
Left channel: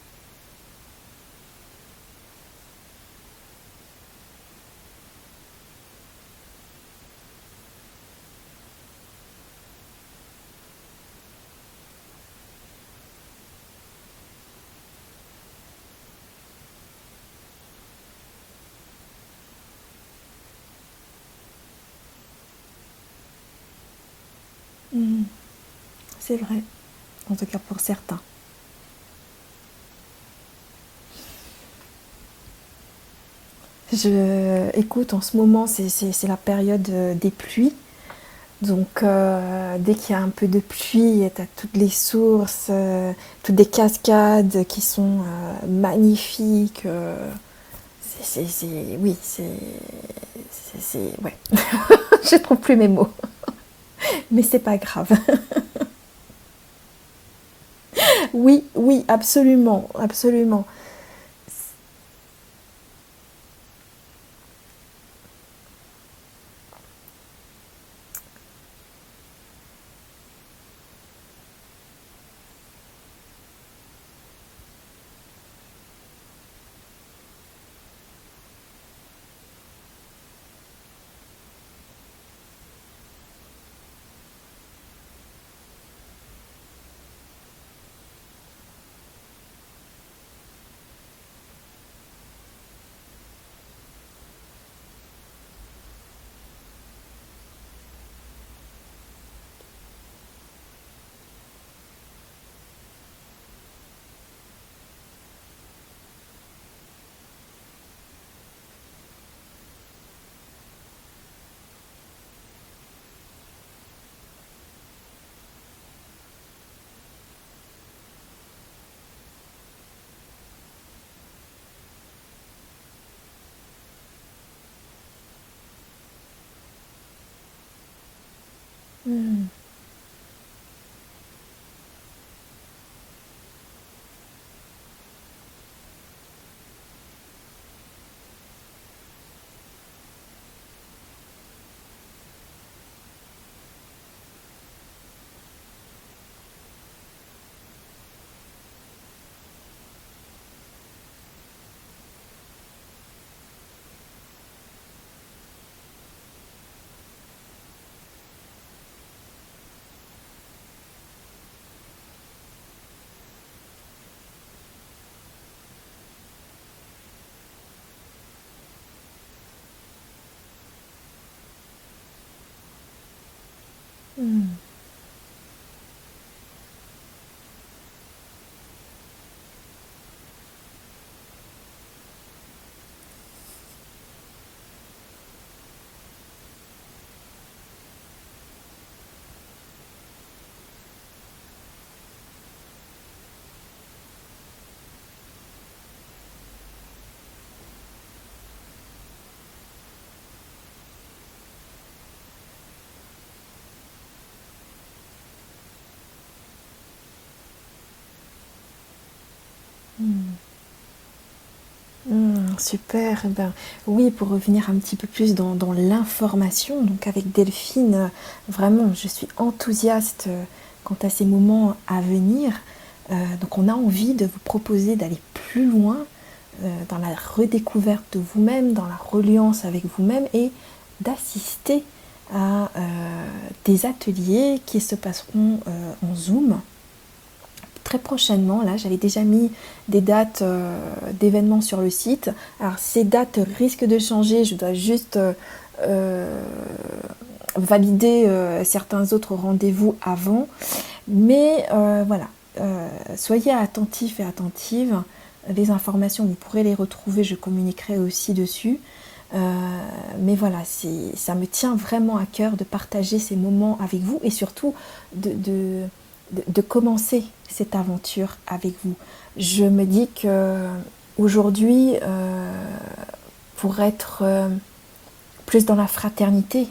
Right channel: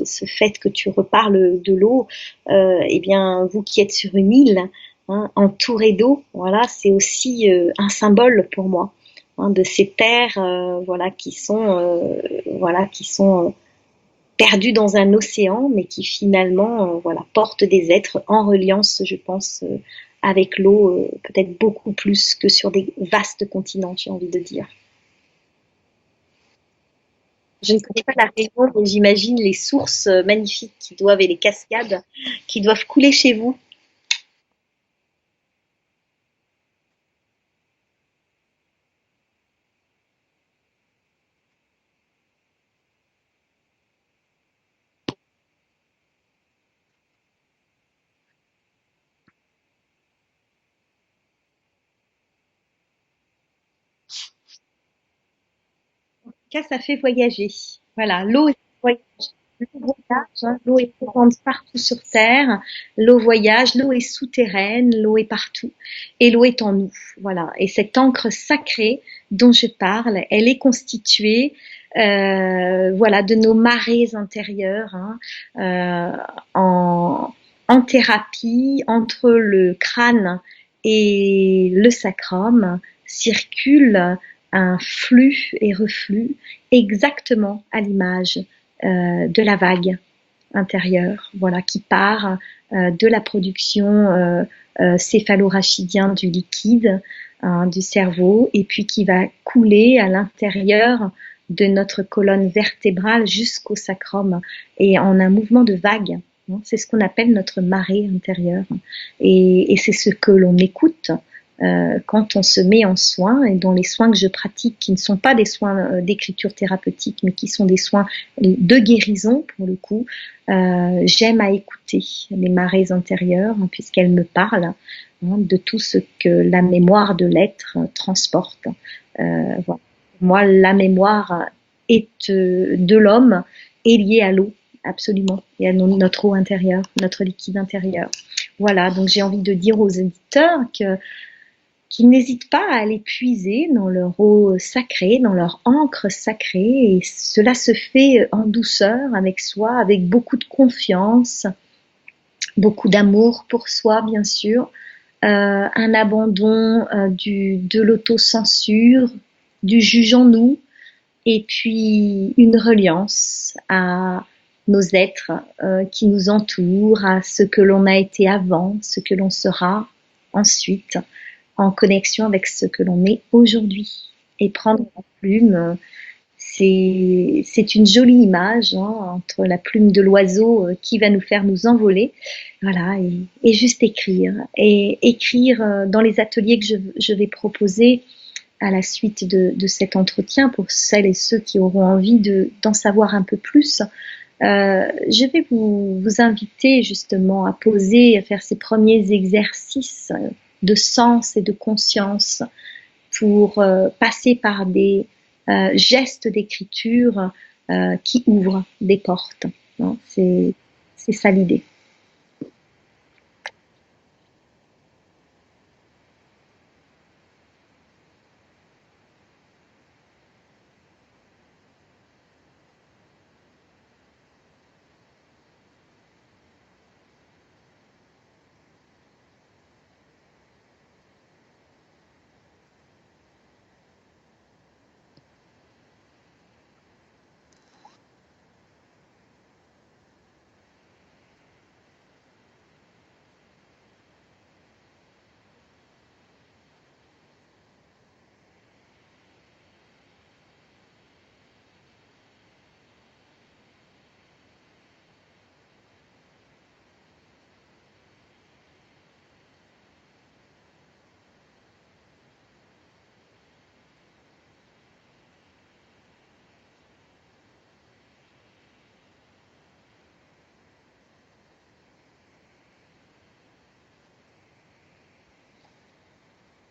ce fait que tu reparles de l'eau, eh bien, vous qui êtes sur une île, hein, entourée d'eau, voilà, c'est aussi un symbole pour moi, hein, de ces terres, voilà, qui sont perdues dans un océan, mais qui finalement, voilà, portent des êtres en reliance, je pense, avec l'eau, peut-être beaucoup plus que sur des vastes continents, j'ai envie de dire. Mm, c'est vrai, en tout cas Je pour ne connais pas certains. la région, mais j'imagine les sources magnifiques et les cascades qui doivent couler chez vous. Écoute, en ce moment, c'est la période des pluies. Donc, dès qu'il y a un peu de pluie, tu as toutes les sources, toutes des cascades qui sont magnifiques. Oui, ouais. Je trouve plus mes mots. Mais c'est pas grave. Cas, ça fait voyager. Voilà, l'eau, Oui, voyage, oui, absolument, voyage, hein. absolument. L'eau est présente partout sur Terre. L'eau voyage, l'eau est souterraine, l'eau est partout. Et l'eau est en nous. Voilà. Et cette encre sacrée dont je parle, elle est constituée voilà, de nos marées intérieures, hein, en thérapie entre le crâne et le sacrum circule un flux et reflux exactement à l'image de la vague intérieure, voilà, qui part de la production céphalorachidien du liquide, hein, du cerveau, et puis qui va couler à l'intérieur de notre colonne vertébrale jusqu'au sacrum, et en un mouvement de vague. Hein. C'est ce qu'on appelle notre marée intérieure. Et c'est ce que l'on écoute quand on se met en soins, et dans les soins que je pratique, qui ne sont pas des soins d'écriture thérapeutique, mais qui sont des soins de guérison pour le coup, j'aime à écouter les marées intérieures, hein, puisqu'elles me parlent, hein, de tout ce que la mémoire de l'être transporte. Voilà. Moi, la mémoire est de l'homme est liée à l'eau, absolument, et à notre eau intérieure, notre liquide intérieur. Voilà, donc j'ai envie de dire aux éditeurs qu'ils n'hésitent pas à aller puiser dans leur eau sacrée, dans leur encre sacrée, et cela se fait en douceur avec soi, avec beaucoup de confiance, beaucoup d'amour pour soi, bien sûr, un abandon de l'autocensure, du jugeons-nous, et puis une reliance à nos êtres qui nous entourent, à ce que l'on a été avant, ce que l'on sera ensuite, en connexion avec ce que l'on est aujourd'hui. Et prendre la plume, c'est une jolie image, hein, entre la plume de l'oiseau qui va nous faire nous envoler, voilà, et juste écrire. Et écrire dans les ateliers que je vais proposer à la suite de cet entretien, pour celles et ceux qui auront envie d'en savoir un peu plus. Je vais vous inviter justement à poser, à faire ces premiers exercices de sens et de conscience pour passer par des gestes d'écriture qui ouvrent des portes. Non, c'est ça l'idée. Super. Eh ben, oui, pour revenir un petit peu plus dans l'information, donc avec Delphine, vraiment, je suis enthousiaste quant à ces moments à venir. Donc on a envie de vous proposer d'aller plus loin dans la redécouverte de vous-même, dans la reliance avec vous-même et d'assister à des ateliers qui se passeront en Zoom très prochainement. Là, j'avais déjà mis des dates d'événements sur le site. Alors, ces dates risquent de changer. Je dois juste valider certains autres rendez-vous avant. Mais voilà, soyez attentifs et attentives. Les informations, vous pourrez les retrouver. Je communiquerai aussi dessus. Mais voilà, ça me tient vraiment à cœur de partager ces moments avec vous et surtout de commencer cette aventure avec vous. Je me dis que aujourd'hui, pour être plus dans la fraternité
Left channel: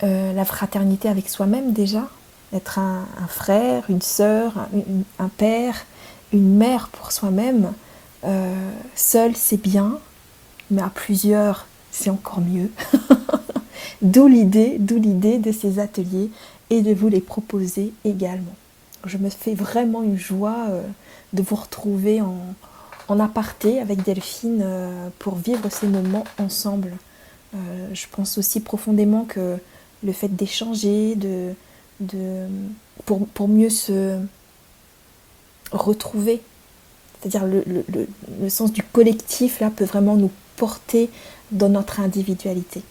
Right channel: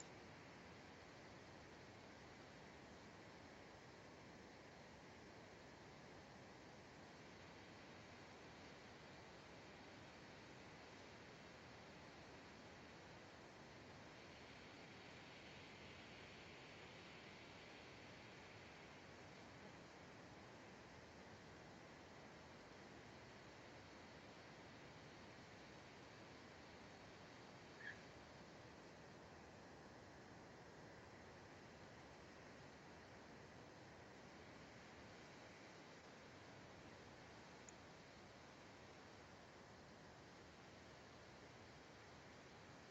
avec soi-même déjà, être un frère, une sœur, un père, une mère pour soi-même, seul c'est bien, mais à plusieurs c'est encore mieux. D'où l'idée de ces ateliers et de vous les proposer également. Je me fais vraiment une joie de vous retrouver en aparté avec Delphine pour vivre ces moments ensemble. Je pense aussi profondément que le fait d'échanger, pour mieux se retrouver, c'est-à-dire le sens du collectif là peut vraiment nous porter dans notre individualité.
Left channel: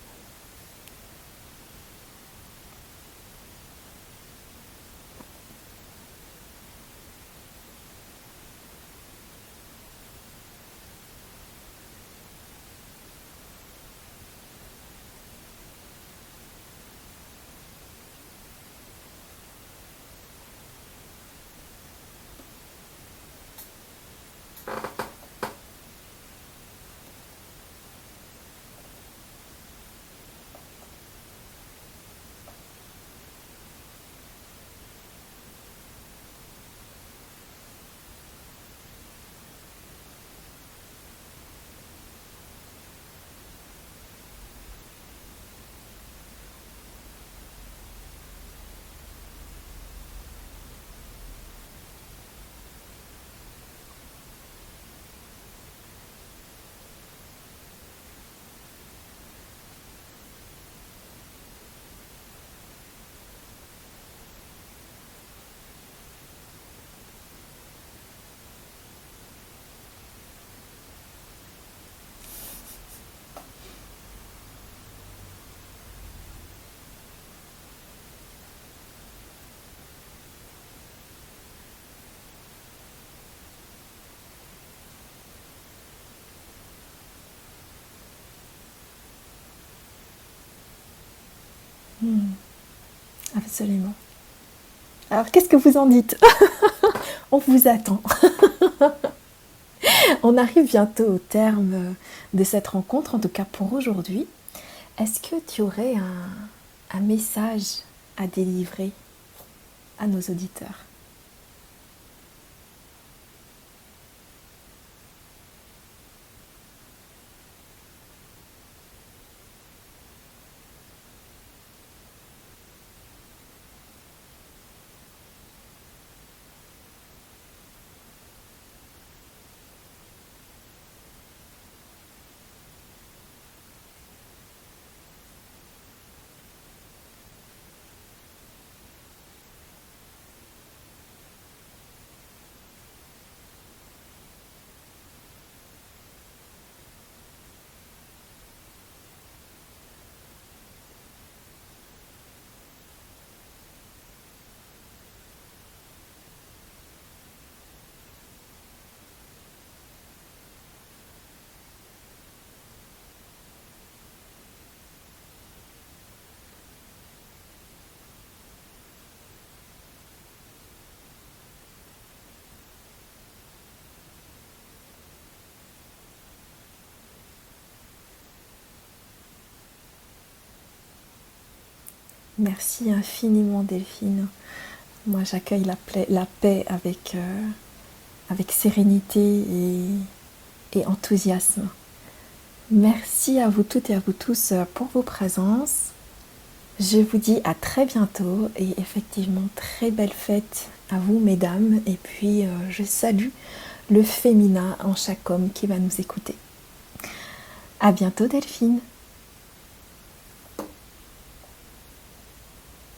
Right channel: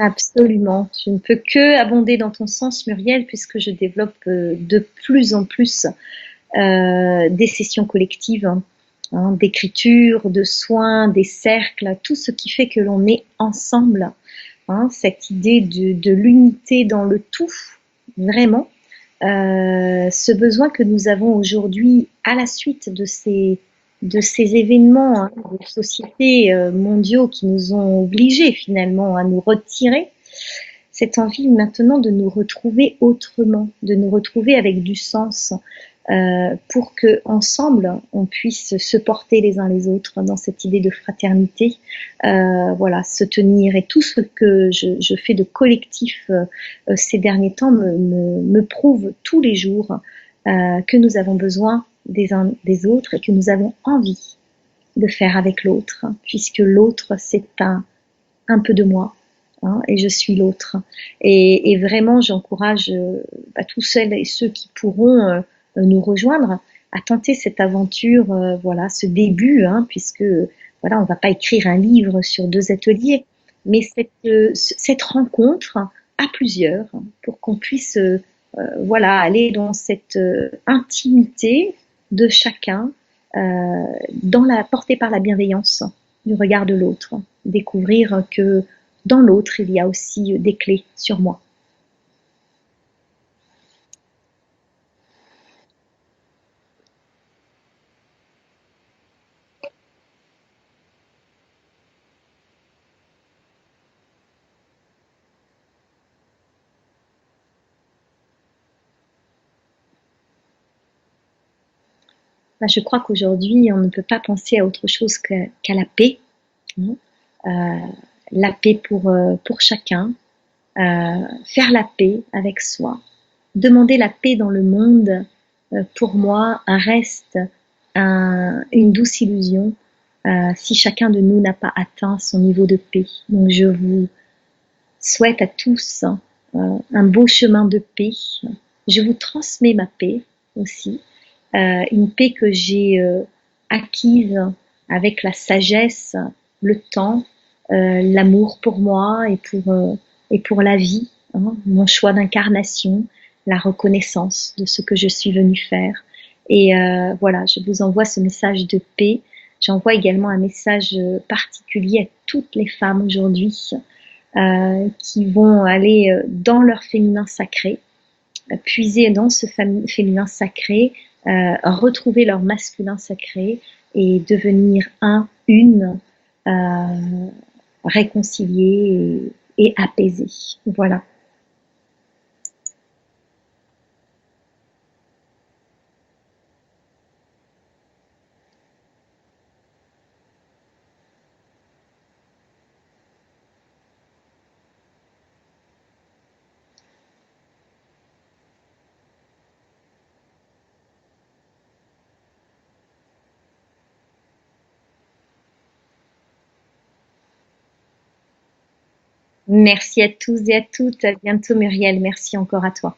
Absolument. Je ne peux que abonder dans ton sens, Muriel, puisque je développe de plus en plus des sessions collectives, hein, d'écriture, de soins, des cercles, tout ce qui fait que l'on est ensemble. Hein, cette idée de l'unité dans le tout, vraiment. Ce besoin que nous avons aujourd'hui à la suite de ces événements, hein, de sociétés mondiaux qui nous ont obligés finalement à nous retirer, cette envie maintenant de nous retrouver autrement, de nous retrouver avec du sens, pour que ensemble on puisse se porter les uns les autres dans cette idée de fraternité, voilà, se tenir, et tout ce que je fais de collectif ces derniers temps me prouve tous les jours que nous avons besoin des uns des autres et que nous avons envie de faire avec l'autre, puisque l'autre c'est un peu de moi, hein, et je suis l'autre. Et vraiment, j'encourage tous celles et ceux qui pourront nous rejoindre à tenter cette aventure, voilà, ce début, hein, puisque voilà, on va pas écrire un livre sur 2 ateliers, mais cette rencontre à plusieurs pour qu'on puisse voilà, aller dans cette intimité de chacun, portée par la bienveillance du regard de l'autre, découvrir que dans l'autre, il y a aussi des clés sur moi. Hmm, absolument. Alors, qu'est-ce que vous en dites? On vous attend. On arrive bientôt au terme de cette rencontre, en tout cas pour aujourd'hui. Est-ce que tu aurais un message à délivrer à nos auditeurs? Je crois qu'aujourd'hui, on ne peut pas penser à autre chose qu'à la paix, hein. Euh, la paix pour chacun, faire la paix avec soi, demander la paix dans le monde, pour moi, reste une douce illusion si chacun de nous n'a pas atteint son niveau de paix. Donc, je vous souhaite à tous un beau chemin de paix. Je vous transmets ma paix aussi, une paix que j'ai acquise avec la sagesse, le temps, l'amour pour moi et pour la vie, hein, mon choix d'incarnation, la reconnaissance de ce que je suis venue faire. Et voilà, je vous envoie ce message de paix. J'envoie également un message particulier à toutes les femmes aujourd'hui qui vont aller dans leur féminin sacré, puiser dans ce féminin sacré, retrouver leur masculin sacré et devenir une, réconcilié et apaisé. Voilà. Merci infiniment Delphine. Moi j'accueille la paix avec sérénité et enthousiasme. Merci à vous toutes et à vous tous pour vos présences. Je vous dis à très bientôt et effectivement très belle fête à vous mesdames et puis je salue le féminin en chaque homme qui va nous écouter. À bientôt Delphine. Merci à tous et à toutes. À bientôt, Muriel. Merci encore à toi.